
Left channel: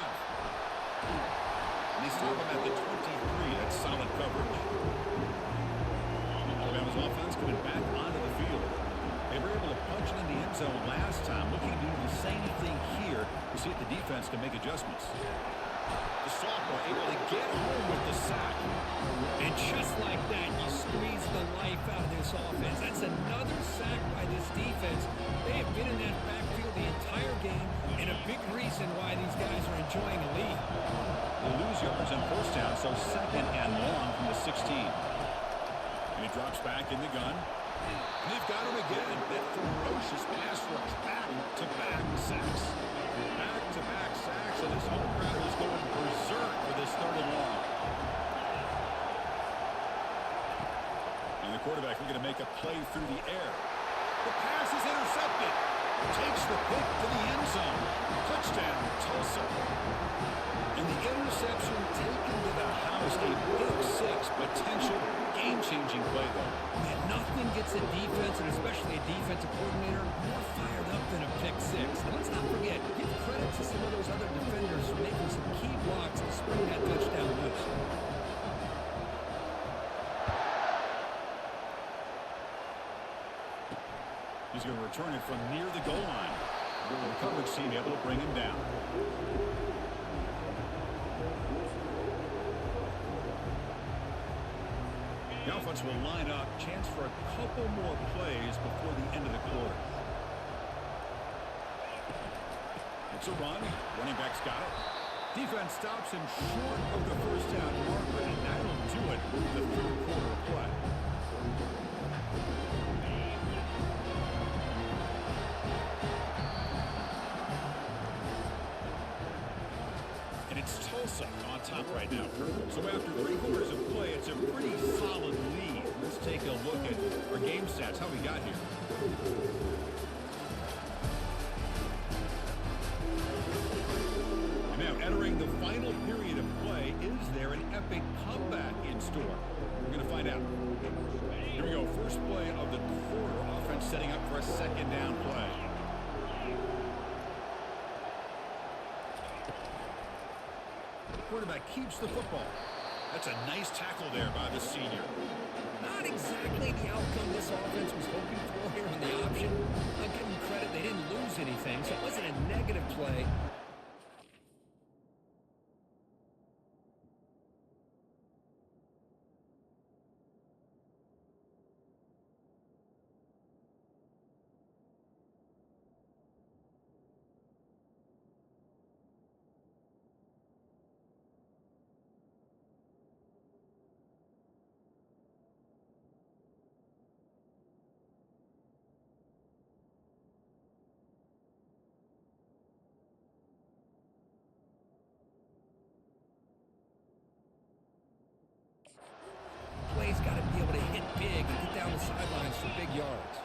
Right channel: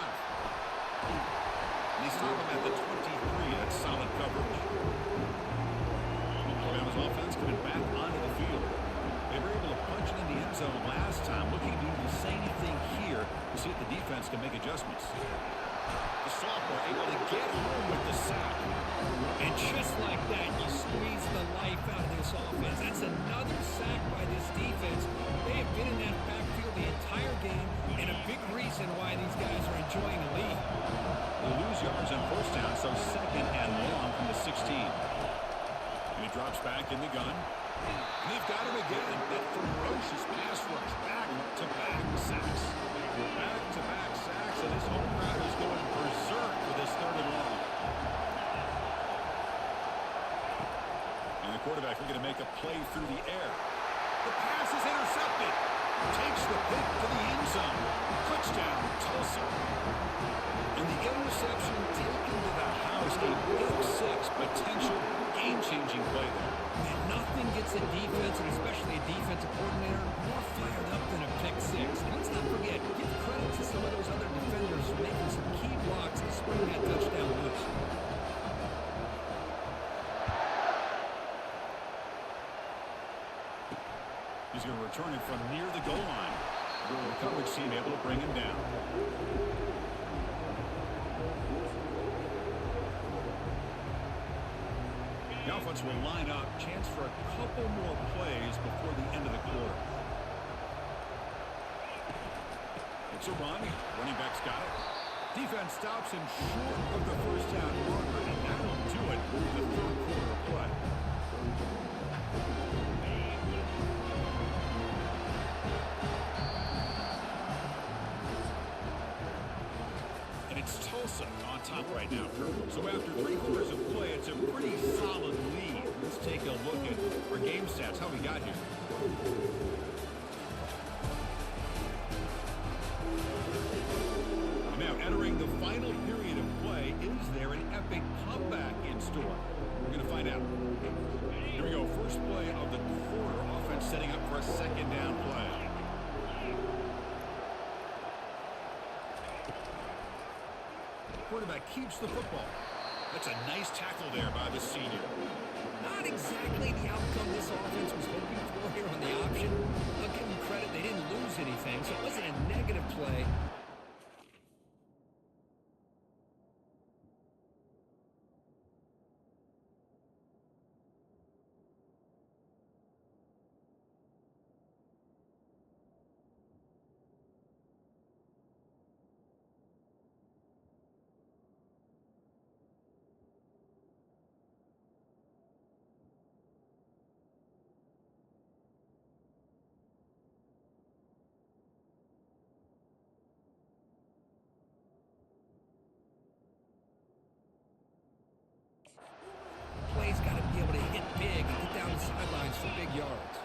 And they stop him at the 23. That's solid coverage. Alabama's offense coming back onto the field. They were able to punch it in the end zone last time. Looking to do the same thing here to see if the defense can make adjustments. The sophomore able to get home with the sack. And just like that, you squeeze the life out of this offense. That's another sack by this defense. They have been in that backfield the entire game, and a big reason why these guys are enjoying a lead. They lose yards on first down, so second and long from the 16. And he drops back in the gun. And they've got him again. That ferocious pass rush. Back-to-back sacks. Back-to-back sacks, and this home crowd is going berserk for this third and long. And the quarterback looking to make a play through the air. The pass is intercepted. Takes the pick to the end zone. Touchdown, Tulsa. And the interception taken to the house. A big 6 potential game-changing play there. Man, nothing gets a defense, and especially a defensive coordinator, more fired up than a pick 6. And let's not forget, give credit to some of those other defenders for making some key blocks to spring that touchdown loose. He's going to return it from near the goal line. The coverage team able to bring him down. The offense will line up. Chance for a couple more plays before the end of the quarter. It's a run. Running back's got it. Defense stops him short of the first down marker, and that'll do it the third quarter of play. It's Tulsa on top right now, Kirk. So after 3 quarters of play, it's a pretty solid lead. Let's take a look at our game stats, how we got here. And now entering the final period of play, is there an epic comeback in store? We're going to find out. Here we go, first play of the quarter. Offense setting up for a second down play. Quarterback keeps the football. That's a nice tackle there by the senior. Not exactly the outcome this offense was hoping for here on the option. I'll give them credit, they didn't lose anything, so it wasn't a negative play. Play's got to be able to hit big and get down the sidelines for big yards.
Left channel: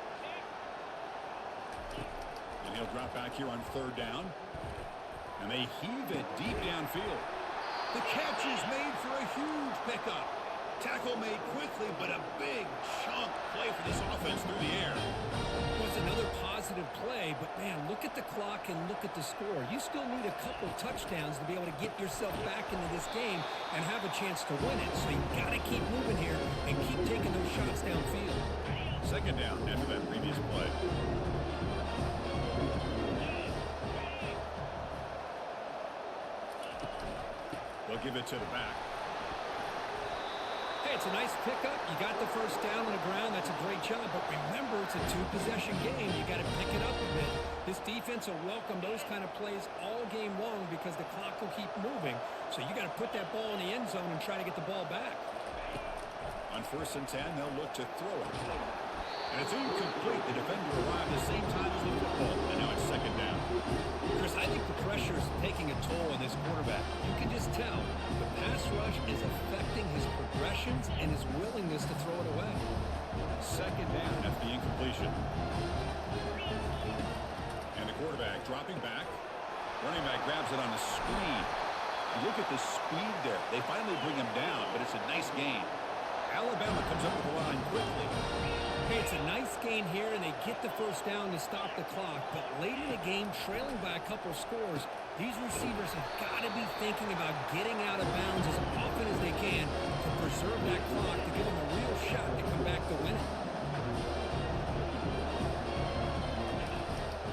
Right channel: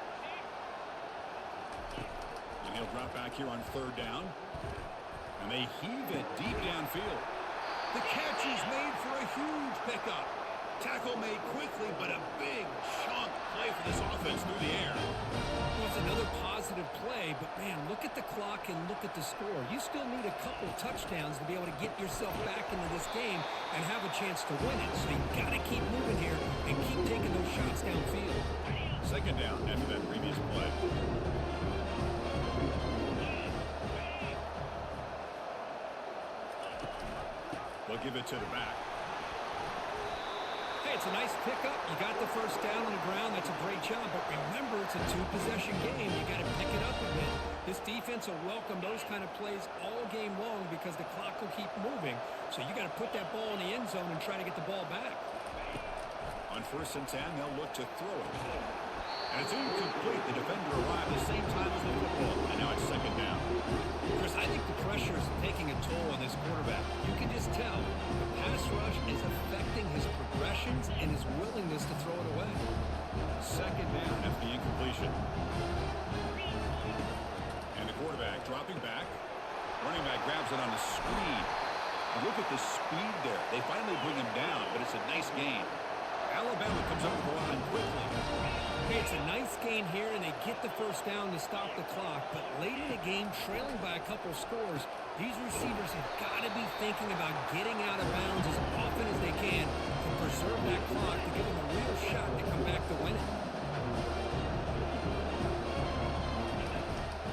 And he'll drop back here on third down. And they heave it deep downfield. The catch is made for a huge pickup. Tackle made quickly, but a big chunk play for this offense through the air. Well, it's another positive play, but man, look at the clock and look at the score. You still need a couple touchdowns to be able to get yourself back into this game and have a chance to win it. So you got to keep moving here and keep taking those shots downfield. Second down after that previous play. They'll give it to the back. Hey, it's a nice pickup. You got the first down on the ground. That's a great job. But remember, it's a two-possession game. You got to pick it up a bit. This defense will welcome those kind of plays all game long because the clock will keep moving. So you got to put that ball in the end zone and try to get the ball back. On 1st and 10, they'll look to throw it. And it's incomplete. The defender arrived the same time as the football. And now it's second down. Chris, I think the pressure is taking a toll on this quarterback. You can just tell the pass rush is affecting his progressions and his willingness to throw it away. Second down after the incompletion. And the quarterback dropping back. Running back grabs it on the screen. And look at the speed there. They finally bring him down, but it's a nice gain. Alabama comes up to the line quickly. Hey, it's a nice gain here, and they get the first down to stop the clock. But late in the game, trailing by a couple scores, these receivers have got to be thinking about getting out of bounds as often as they can to preserve that clock to give them a real shot to come back to win it.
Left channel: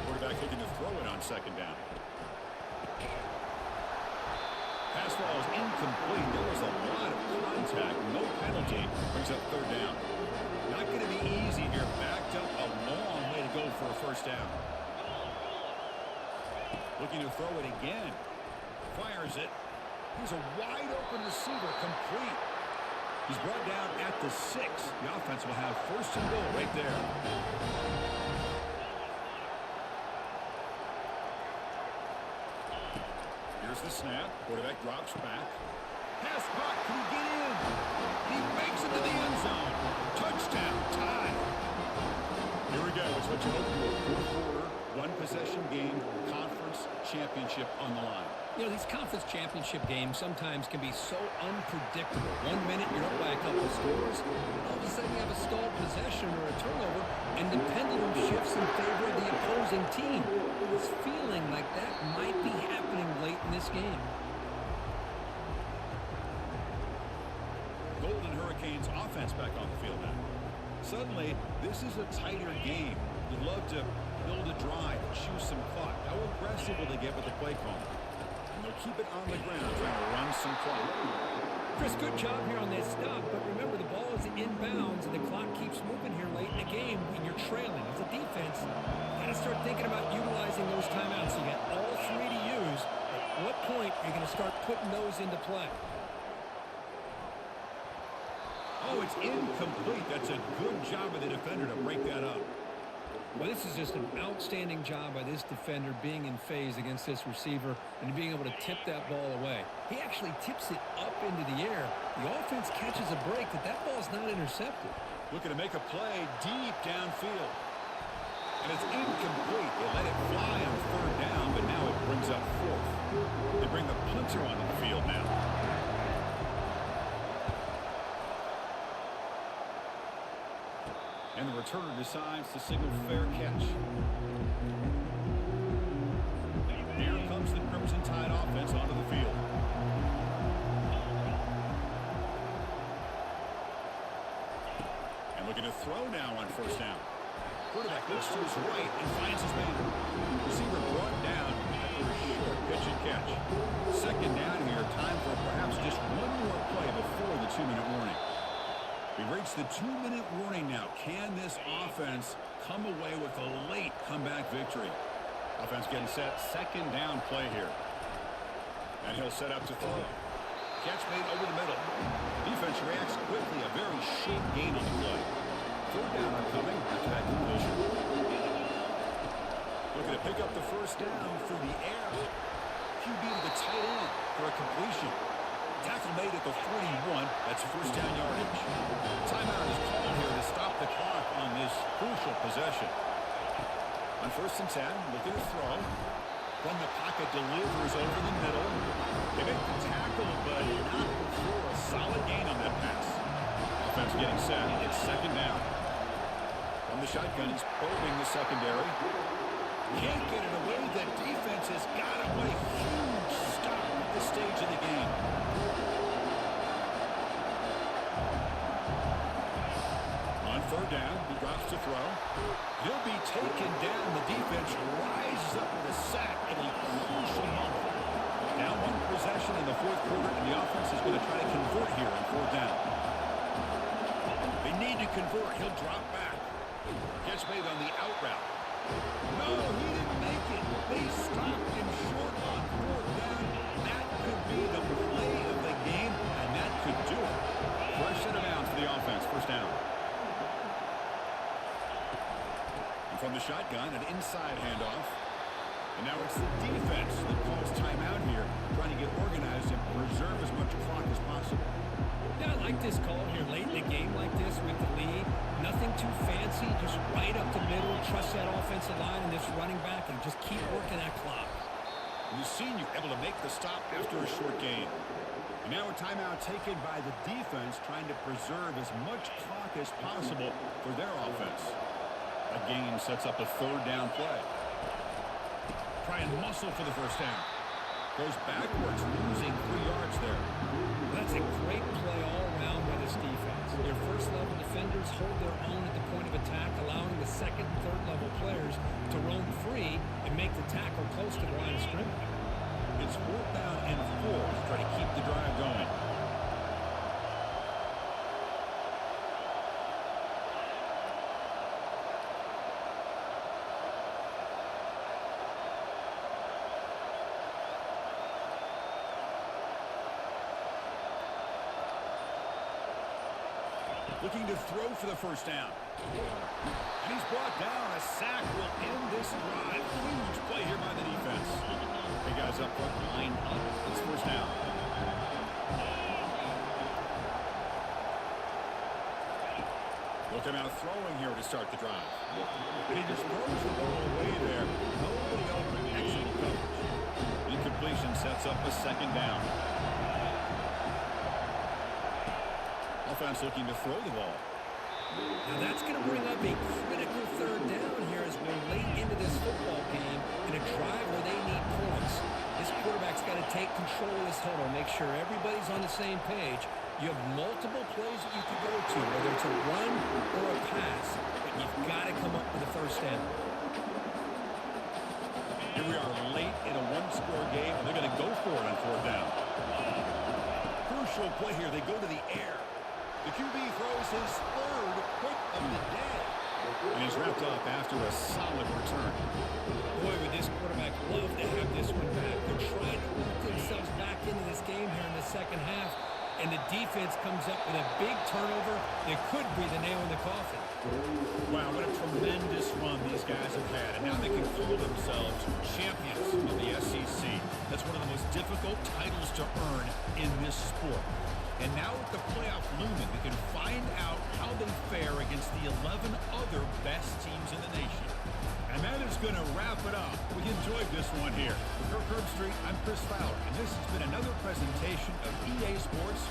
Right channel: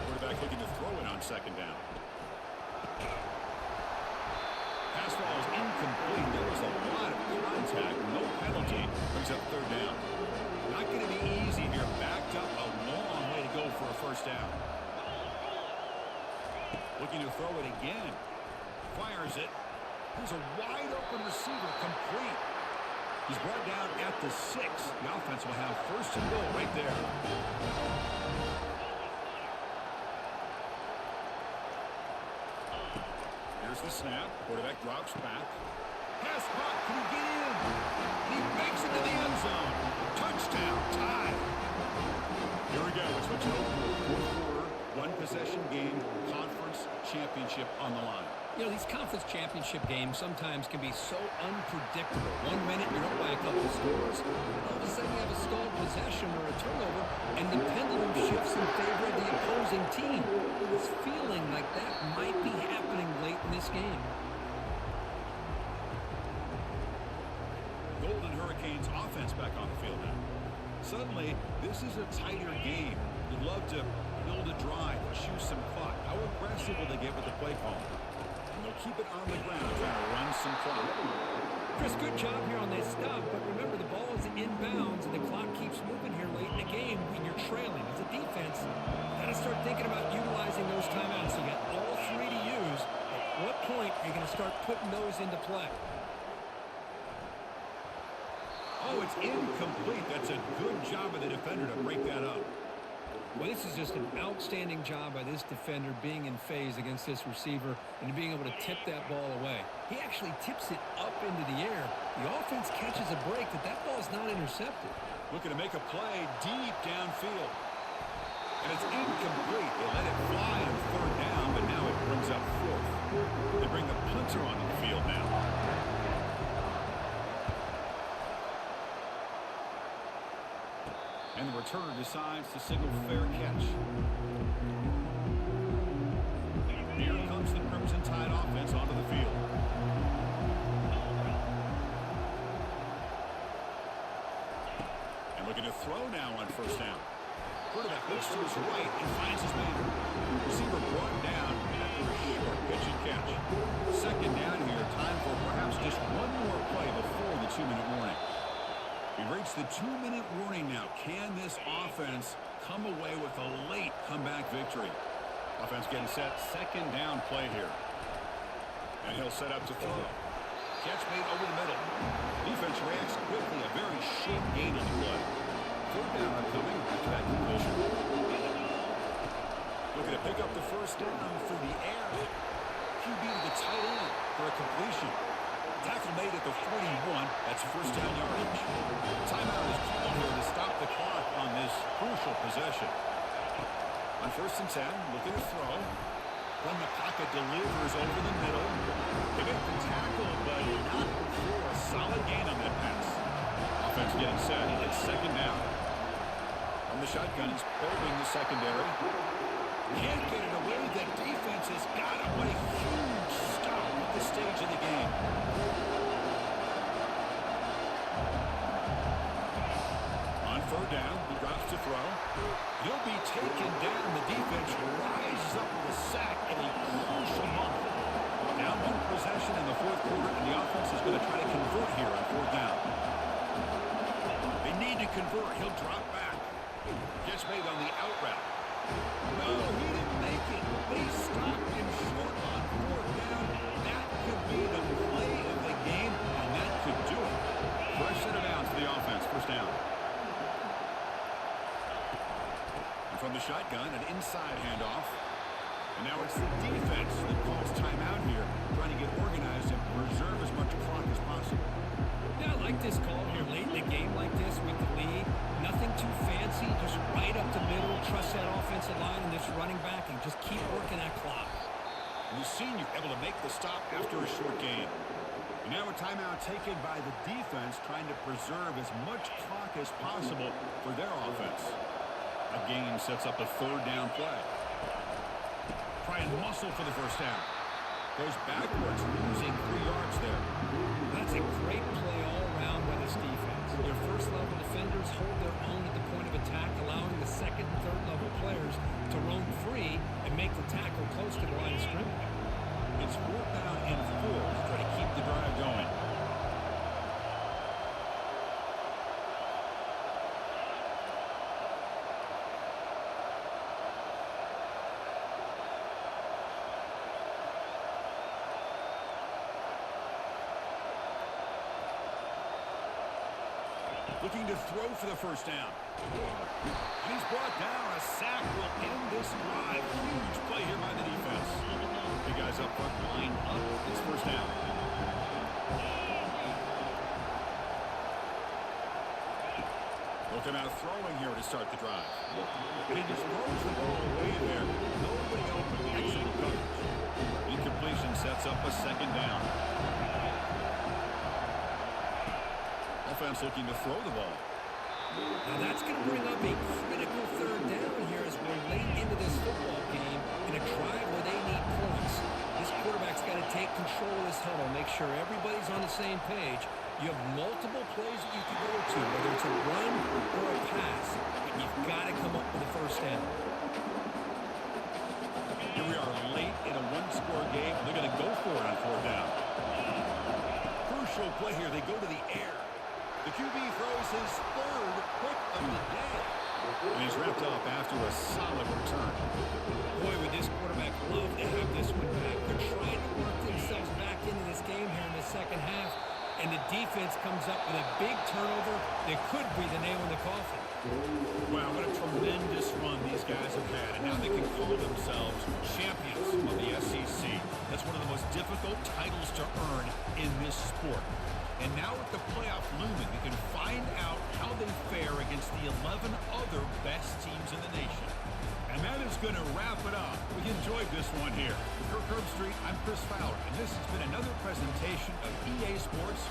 Quarterback looking to throw it on second down. Pass ball is incomplete. There was a lot of contact. No penalty. Brings up third down. Not going to be easy here. Backed up a long way to go for a first down. Looking to throw it again. Fires it. Here's a wide open receiver complete. He's brought down at the 6. The offense will have first and goal right there. Here's the snap. Quarterback drops back. Pass caught. Can he get in? He makes it to the end zone. Touchdown. Tie. Here we go. It's what you hope for. Fourth quarter, one possession game, conference championship on the line. You know, these conference championship games sometimes can be so unpredictable. 1 minute you're up by a couple of scores, and then all of a sudden you have a stalled possession or a turnover, and the pendulum shifts in favor of the opposing team. It's feeling like that might be happening late in this game. Golden Hurricanes offense back on the field now. Suddenly, this is a tighter game. You'd love to build a drive, choose some clock. How aggressive will they get with the play call? And they'll keep it on the ground, trying to run some clock. Chris, good job here on this stop, but remember the ball is inbounds and the clock keeps moving here late in the game when you're trailing. As a defense, you got to start thinking about utilizing those timeouts. You got all three to use. At what point are you going to start putting those into play? Oh, it's incomplete. That's a good job of the defender to break that up. Well, this is just an outstanding job by this defender being in phase against this receiver and being able to tip that ball away. He actually tips it up into the air. The offense catches a break, but that ball is not intercepted. Looking to make a play deep downfield. And it's incomplete. They let it fly on third down, but now it brings up fourth. They bring the punter onto the field now. And the returner decides to signal fair catch. Here comes the Crimson Tide offense onto the field. And looking to throw now on first down. Quarterback looks to his right and finds his man. Receiver brought down after a short pitch and catch. Second down here. Time for perhaps just one more play before the 2-minute warning. We've reached the 2-minute warning now. Can this offense come away with a late comeback victory? Offense getting set. Second down play here. And he'll set up to throw. Catch made over the middle. Defense reacts quickly. A very short gain on the play. Third down upcoming after that completion. Looking to pick up the first down through the air. QB to the tight end for a completion. Tackle made at the 41. That's first down yardage. Timeout is called here to stop the clock on this crucial possession. On 1st and 10, looking to throw. From the pocket, delivers over the middle. They make the tackle, but not before a solid gain on that pass. Offense getting set. It's second down. On the shotgun, he's probing the secondary. Can't get it away. The defense has got him. What a huge stop at this stage of the game. On third down, he drops to throw. He'll be taken down. The defense rises up with a sack at a crucial moment. Down one possession in the fourth quarter, and the offense is going to try to convert here on fourth down. They need to convert. He'll drop back. Gets made on the out route. No, he didn't make it. They stopped him short on fourth down. That could be the play of the game, and that could do it. Fresh set of downs for the offense. First down. And from the shotgun, an inside handoff. And now it's the defense that calls timeout here, trying to get organized and preserve as much clock as possible. Yeah, I like this call here late in the game like this with the lead. Nothing too fancy, just right up the middle. Trust that offensive line and this running back and just keep working that clock. The senior able to make the stop after a short gain. And now a timeout taken by the defense, trying to preserve as much clock as possible for their offense. That gain sets up a third down play. Try and muscle for the first down. Goes backwards, losing 3 yards there. That's a great play all around by this defense. Your first-level defenders hold their own at the point of attack, allowing the second and third-level players to roam free and make the tackle close to the line of scrimmage. It's fourth down and 4 to try to keep the drive going. Looking to throw for the first down. And he's brought down. A sack will end this drive. Huge play here by the defense. Hey, guys up front, lined up. It's first down. They'll come out throwing here to start the drive. And he just throws the ball away there. Nobody open. Excellent coverage. Incompletion sets up a second down. Offense looking to throw the ball. Now that's going to bring up a critical third down here as we're late into this football game in a drive where they need points. This quarterback's got to take control of this huddle, make sure everybody's on the same page. You have multiple plays that you can go to, whether it's a run or a pass, but you've got to come up with a first down. Here we are late in a one-score game, and they're going to go for it on fourth down. Crucial play here. They go to the air. The QB throws his third pick of the day. And he's wrapped up after a solid return. Boy, would this quarterback love to have this one back. They're trying to work themselves back into this game here in the second half. And the defense comes up with a big turnover that could be the nail in the coffin. Wow, what a tremendous run these guys have had. And now they can call themselves champions of the SEC. That's one of the most difficult titles to earn in this sport. And now with the playoff looming, we can find out how they fare against the 11 other best teams in the nation. And that is going to wrap it up. We enjoyed this one here. For Kirk Herbstreit, I'm Chris Fowler, and this has been another presentation of EA Sports